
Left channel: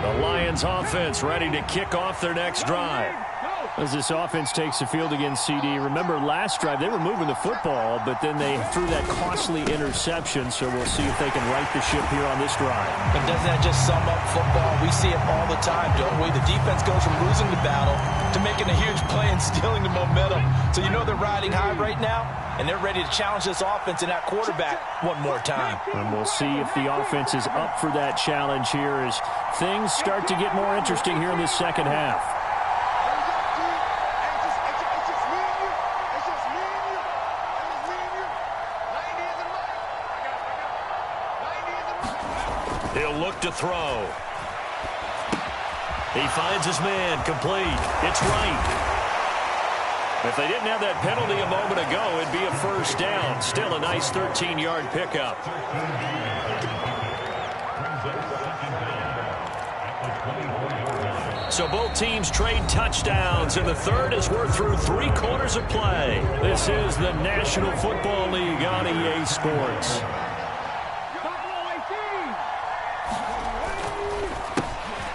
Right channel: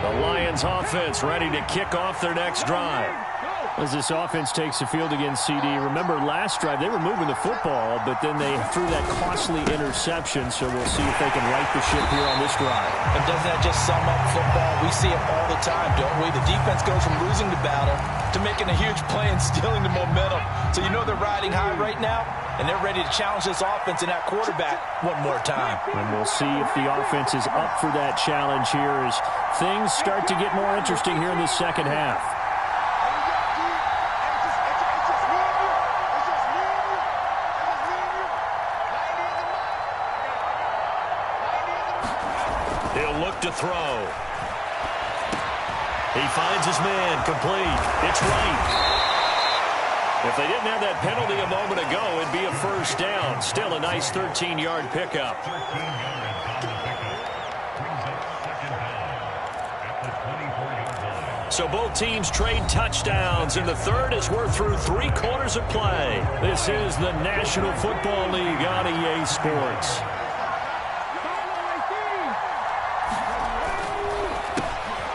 The Lions offense ready to kick off their next drive. As this offense takes the field against CD, remember last drive they were moving the football, but then they threw that costly interception, so we'll see if they can right the ship here on this drive. And doesn't that just sum up football? We see it all the time, don't we? The defense goes from losing the battle to making a huge play and stealing the momentum. So you know they're riding high right now, and they're ready to challenge this offense and that quarterback one more time. And we'll see if the offense is up for that challenge here as things start to get more interesting here in the second half. He'll look to throw. He finds his man, complete. It's right. If they didn't have that penalty a moment ago, it'd be a first down. Still a nice 13-yard pickup. So both teams trade touchdowns, and the third as we're through 3 quarters of play. This is the National Football League on EA Sports.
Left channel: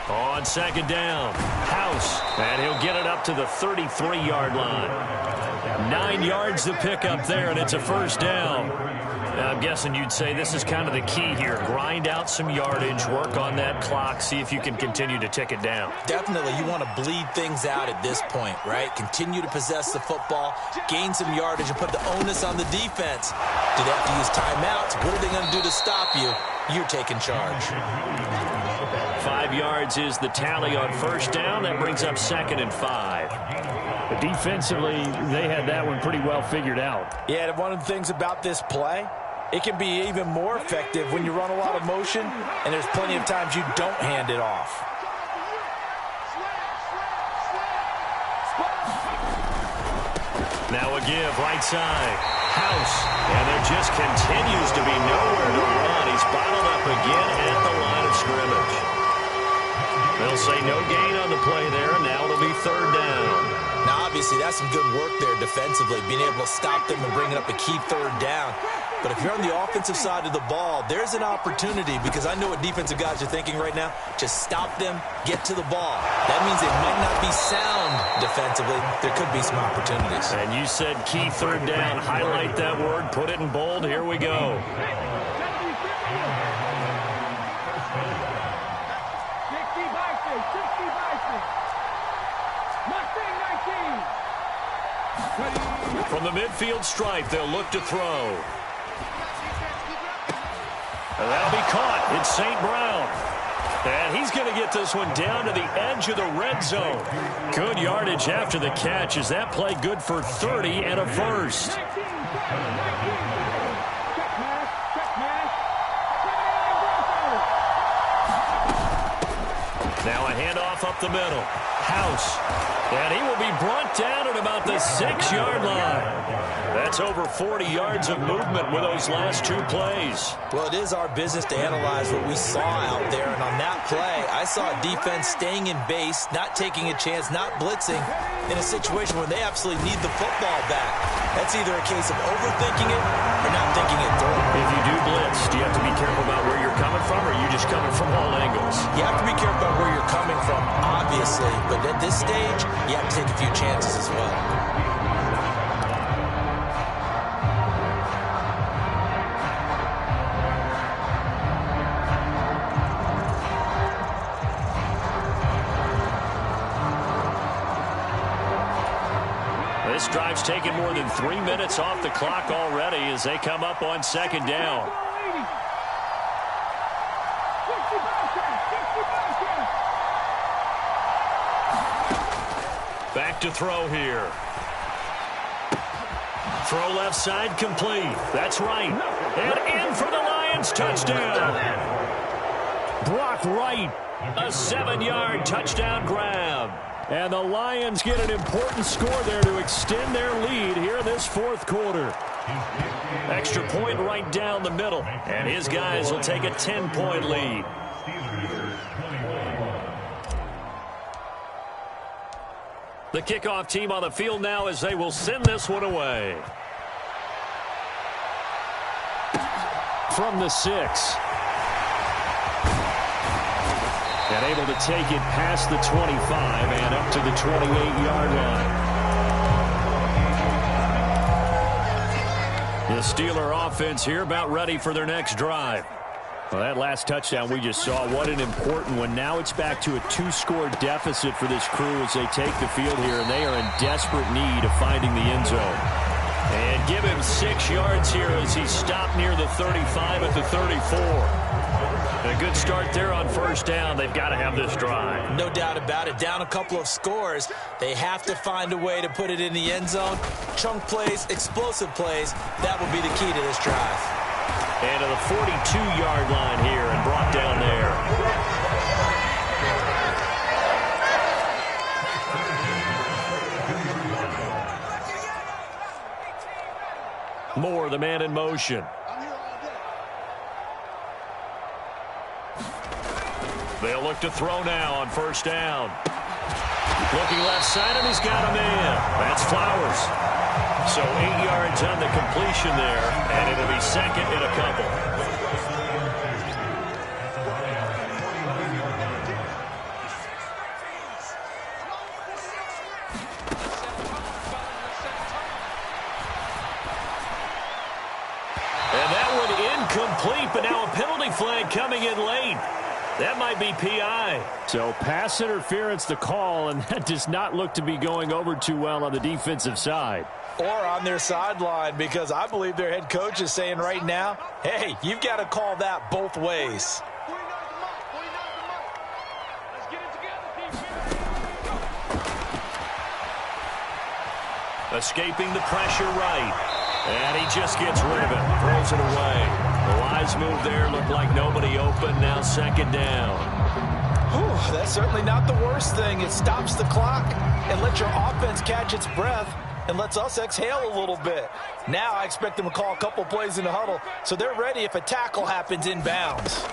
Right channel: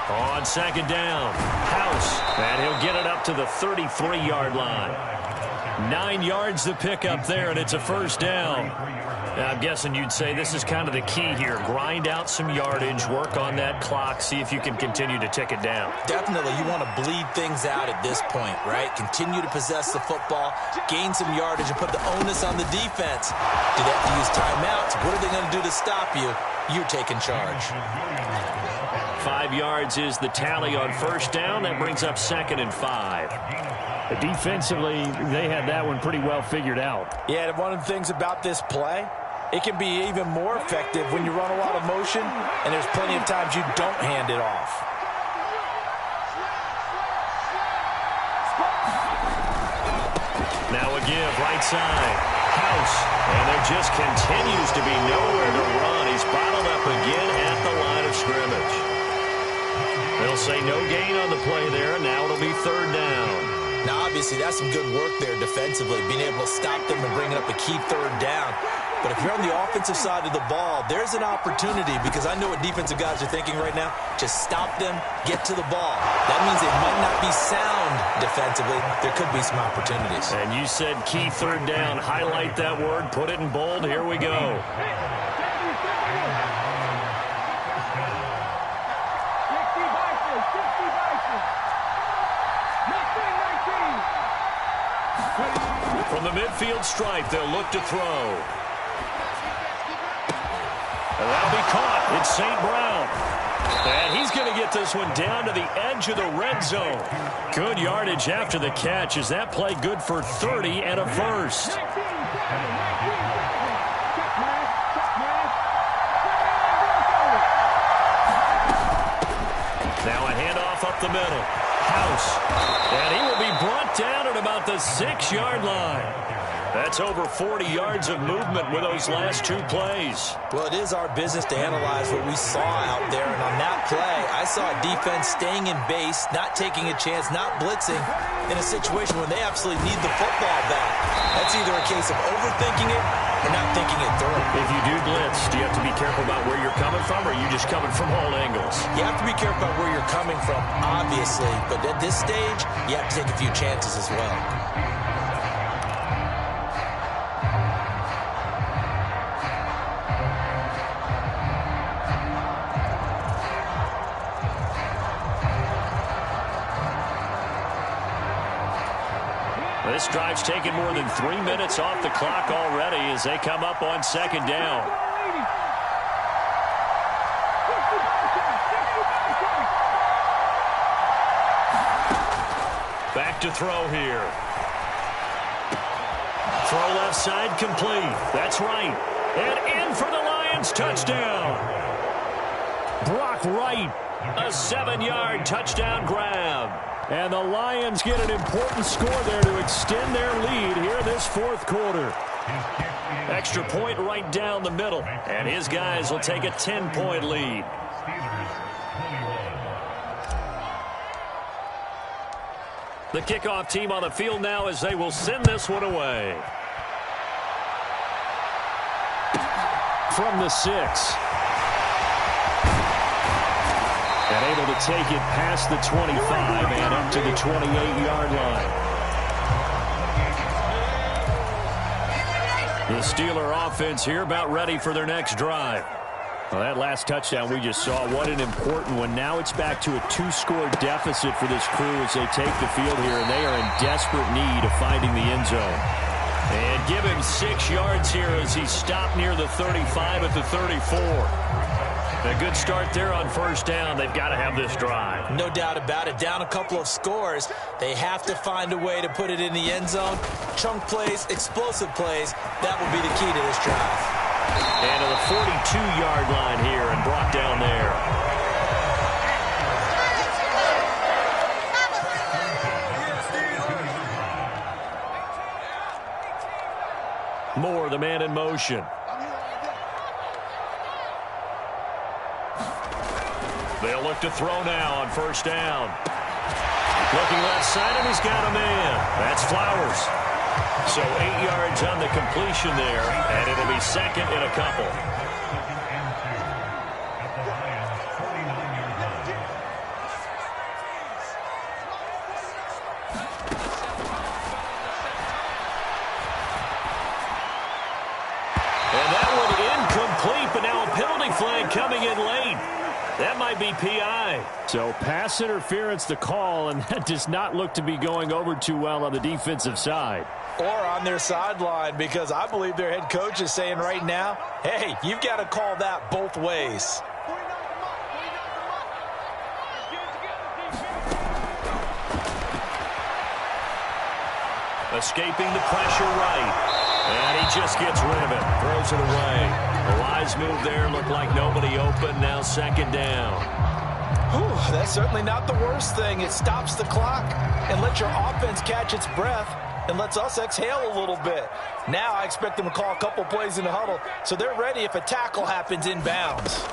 On second down, House, and he'll get it up to the 33-yard line. 9 yards to pick up there, and it's a first down. Now, I'm guessing you'd say this is kind of the key here. Grind out some yardage, work on that clock, see if you can continue to tick it down. Definitely, you want to bleed things out at this point, right? Continue to possess the football, gain some yardage, and put the onus on the defense. Do they have to use timeouts? What are they going to do to stop you? You're taking charge. 5 yards is the tally on first down. That brings up 2nd and 5. But defensively, they had that one pretty well figured out. Yeah, one of the things about this play, it can be even more effective when you run a lot of motion, and there's plenty of times you don't hand it off. Now a give, right side. House, and there just continues to be nowhere to run. He's bottled up again at the line of scrimmage. They'll say no gain on the play there, and now it'll be 3rd down. Now, obviously, that's some good work there defensively, being able to stop them and bringing up a key 3rd down. But if you're on the offensive side of the ball, there's an opportunity, because I know what defensive guys are thinking right now. Just stop them, get to the ball. That means they might not be sound defensively. There could be some opportunities. And you said key 3rd down. Highlight that word, put it in bold. Here we go. From the midfield stripe, they'll look to throw. And that'll be caught. It's St. Brown. And he's going to get this one down to the edge of the red zone. Good yardage after the catch. Is that play good for 30 and a first? Now a handoff up the middle. House. And he will be brought down at about the 6-yard line. That's over 40 yards of movement with those last 2 plays. Well, it is our business to analyze what we saw out there. And on that play, I saw a defense staying in base, not taking a chance, not blitzing in a situation where they absolutely need the football back. That's either a case of overthinking it or not thinking it through. If you do blitz, do you have to be careful about where you're coming from, or are you just coming from all angles? You have to be careful about where you're coming from, obviously. But at this stage, you have to take a few chances as well. This drive's taken more than 3 minutes off the clock already as they come up on second down. Back to throw here. Throw left side complete. That's right. And in for the Lions touchdown. Brock Wright, a 7-yard touchdown grab. And the Lions get an important score there to extend their lead here this fourth quarter. Extra point right down the middle. And his guys will take a 10-point lead. The kickoff team on the field now as they will send this one away. From the 6. And able to take it past the 25 and up to the 28-yard line. The Steeler offense here about ready for their next drive. Well, that last touchdown we just saw, what an important one. Now it's back to a 2-score deficit for this crew as they take the field here, and they are in desperate need of finding the end zone. And give him 6 yards here as he stopped near the 35 at the 34. A good start there on first down. They've got to have this drive. No doubt about it. Down a couple of scores. They have to find a way to put it in the end zone. Chunk plays, explosive plays. That will be the key to this drive. And to the 42-yard line here and brought down there. Moore, the man in motion. They'll look to throw now on first down. Looking left side, and he's got a man. That's Flowers. So 8 yards on the completion there, and it'll be second and a couple. And that one incomplete, but now a penalty flag coming in late. That might be PI. So pass interference the call, and that does not look to be going over too well on the defensive side. Or on their sideline, because I believe their head coach is saying right now, hey, you've got to call that both ways. Escaping the pressure right. And he just gets rid of it. Throws it away. The wise move there. Looked like nobody open. Now second down. Whew, that's certainly not the worst thing. It stops the clock and lets your offense catch its breath and lets us exhale a little bit. Now I expect them to call a couple plays in the huddle so they're ready if a tackle happens inbounds.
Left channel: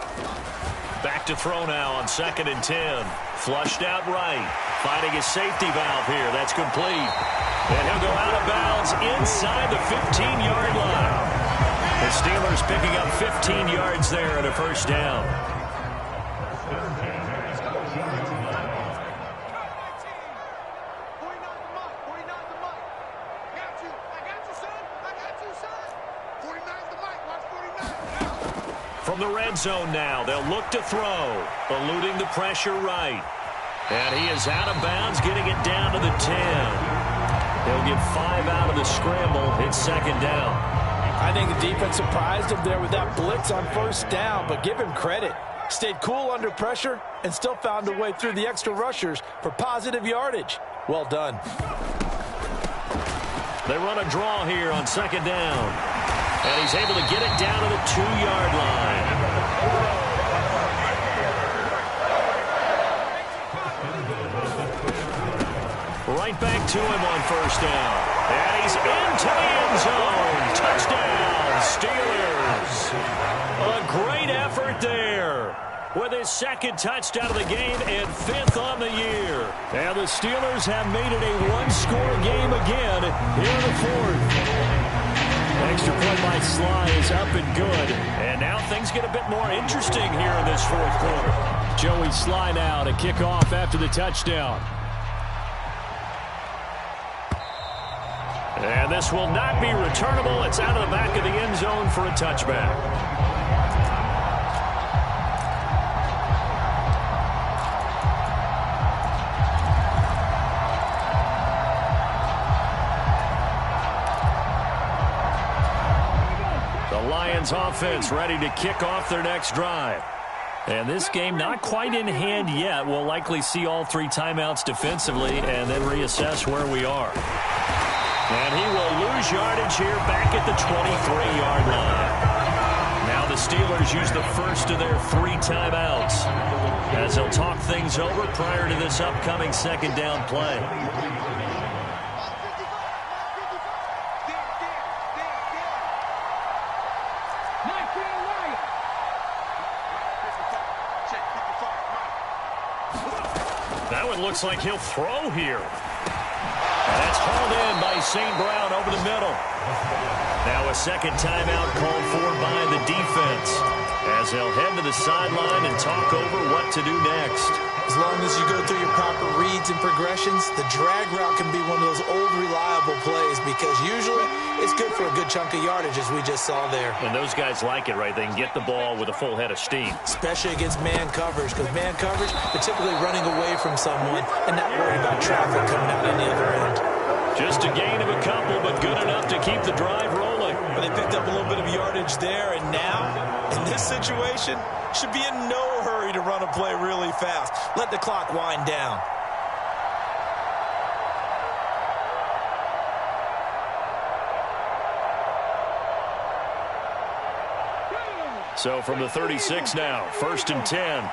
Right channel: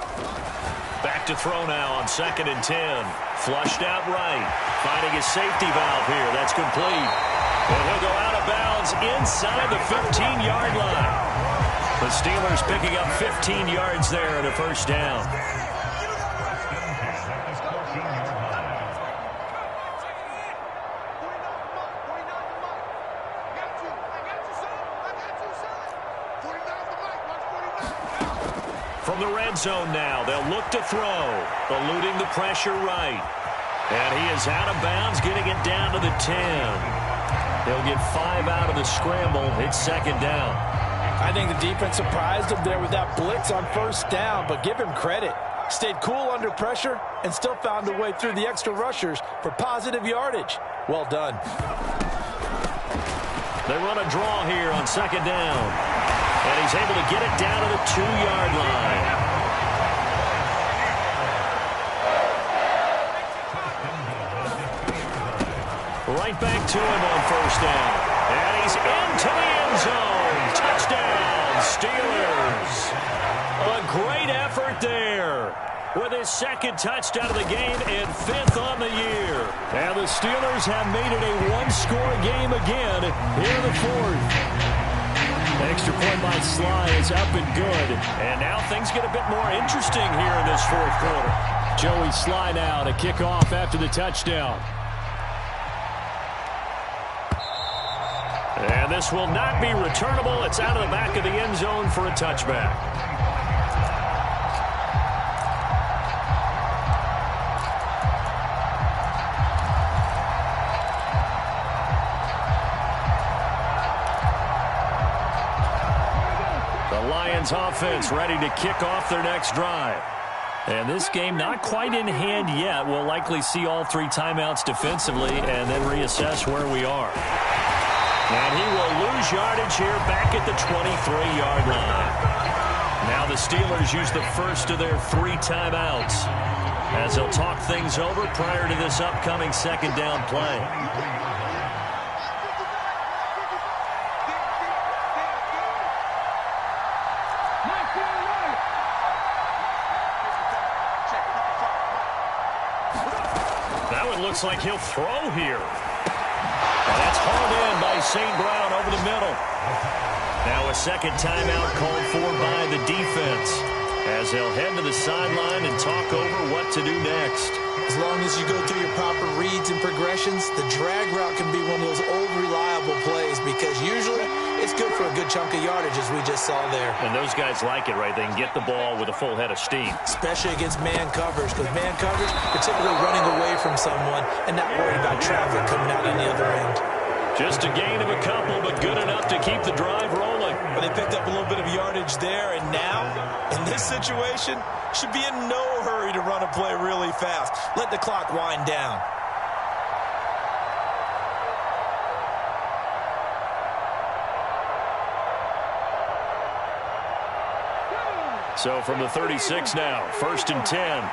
Back to throw now on 2nd and 10. Flushed out right. Finding his safety valve here. That's complete. And he'll go out of bounds inside the 15-yard line. The Steelers picking up 15 yards there and a first down. From the red zone now, they'll look to throw, eluding the pressure right. And he is out of bounds, getting it down to the 10. He'll get 5 out of the scramble. It's second down. I think the defense surprised him there with that blitz on first down, but give him credit. Stayed cool under pressure and still found a way through the extra rushers for positive yardage. Well done. They run a draw here on second down. And he's able to get it down to the 2-yard line. Right back to him on first down. And he's into the end zone. Touchdown, Steelers. A great effort there with his second touchdown of the game and 5th on the year. And the Steelers have made it a 1-score game again here in the 4th. Extra point by Sly is up and good. And now things get a bit more interesting here in this 4th quarter. Joey Sly now to kick off after the touchdown. And this will not be returnable. It's out of the back of the end zone for a touchback. Lions offense ready to kick off their next drive. And this game not quite in hand yet. We'll likely see all 3 timeouts defensively and then reassess where we are. And he will lose yardage here back at the 23-yard line. Now the Steelers use the first of their 3 timeouts as they'll talk things over prior to this upcoming second down play. Now it looks like he'll throw here. And that's hauled in by St. Brown over the middle. Now a second timeout called for by the defense as they'll head to the sideline and talk over what to do next. As long as you go through your proper reads and progressions, the drag route can be one of those old reliable plays because usually it's good for a good chunk of yardage as we just saw there. And those guys like it, right? They can get the ball with a full head of steam. Especially against man coverage because man coverage, they're typically running away from someone and not worried about traffic coming out on the other end. Just a gain of a couple, but good enough to keep the drive rolling. Well, they picked up a little bit of yardage there, and now, in this situation, should be in no hurry to run a play really fast. Let the clock wind down. So from the 36 now, 1st and 10.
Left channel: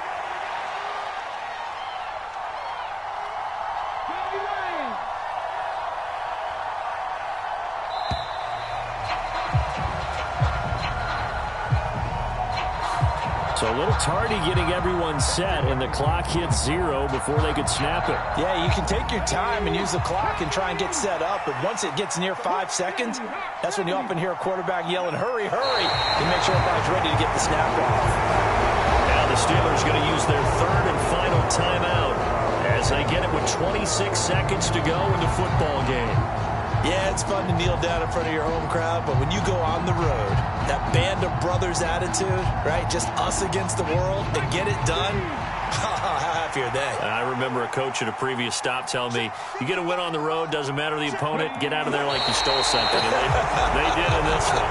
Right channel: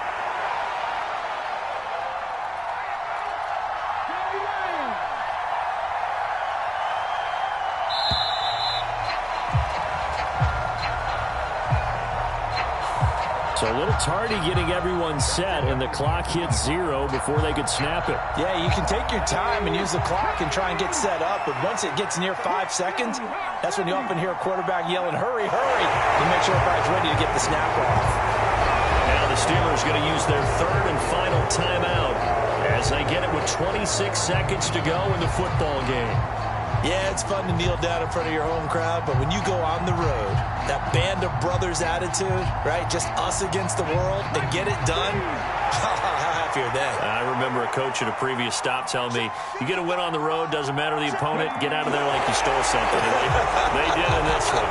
So a little tardy getting everyone set, and the clock hits 0 before they could snap it. Yeah, you can take your time and use the clock and try and get set up, but once it gets near 5 seconds, that's when you often hear a quarterback yelling, hurry, hurry, to make sure everybody's ready to get the snap off. Now the Steelers going to use their 3rd and final timeout as they get it with 26 seconds to go in the football game. Yeah, it's fun to kneel down in front of your home crowd, but when you go on the road, that band of brothers attitude, right, just us against the world, and get it done, how happy are they? I remember a coach at a previous stop telling me, you get a win on the road, doesn't matter the opponent, get out of there like you stole something. And they did in this one.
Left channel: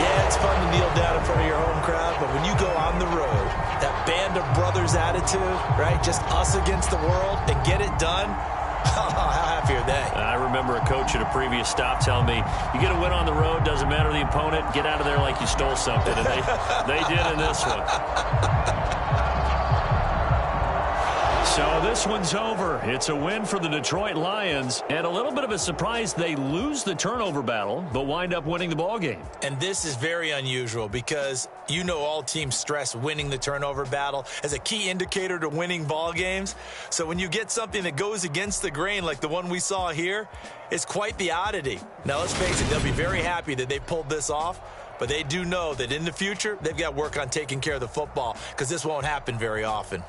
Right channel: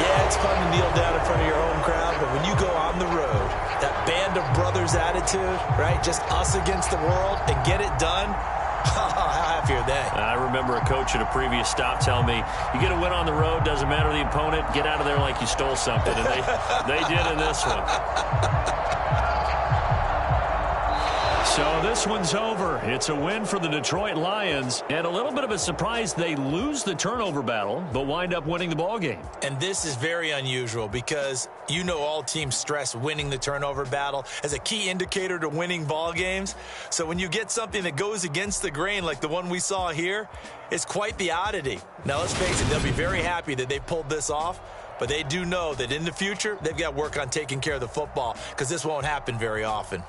Yeah, it's fun to kneel down in front of your home crowd, but when you go on the road, that band of brothers attitude, right, just us against the world, and get it done, how happy are they? I remember a coach at a previous stop telling me, you get a win on the road, doesn't matter the opponent, get out of there like you stole something. And they did in this one. So this one's over. It's a win for the Detroit Lions, and a little bit of a surprise. They lose the turnover battle, but wind up winning the ball game. And this is very unusual because you know all teams stress winning the turnover battle as a key indicator to winning ball games. So when you get something that goes against the grain like the one we saw here, it's quite the oddity. Now let's face it, they'll be very happy that they pulled this off, but they do know that in the future they've got to work on taking care of the football because this won't happen very often.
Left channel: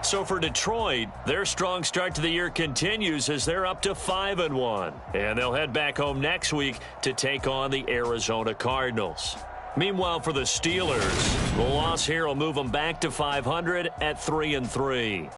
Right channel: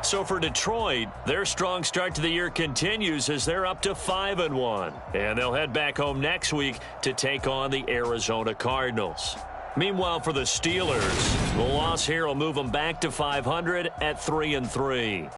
So for Detroit, their strong start to the year continues as they're up to 5-1. And they'll head back home next week to take on the Arizona Cardinals. Meanwhile, for the Steelers, the loss here will move them back to 500 at 3-3.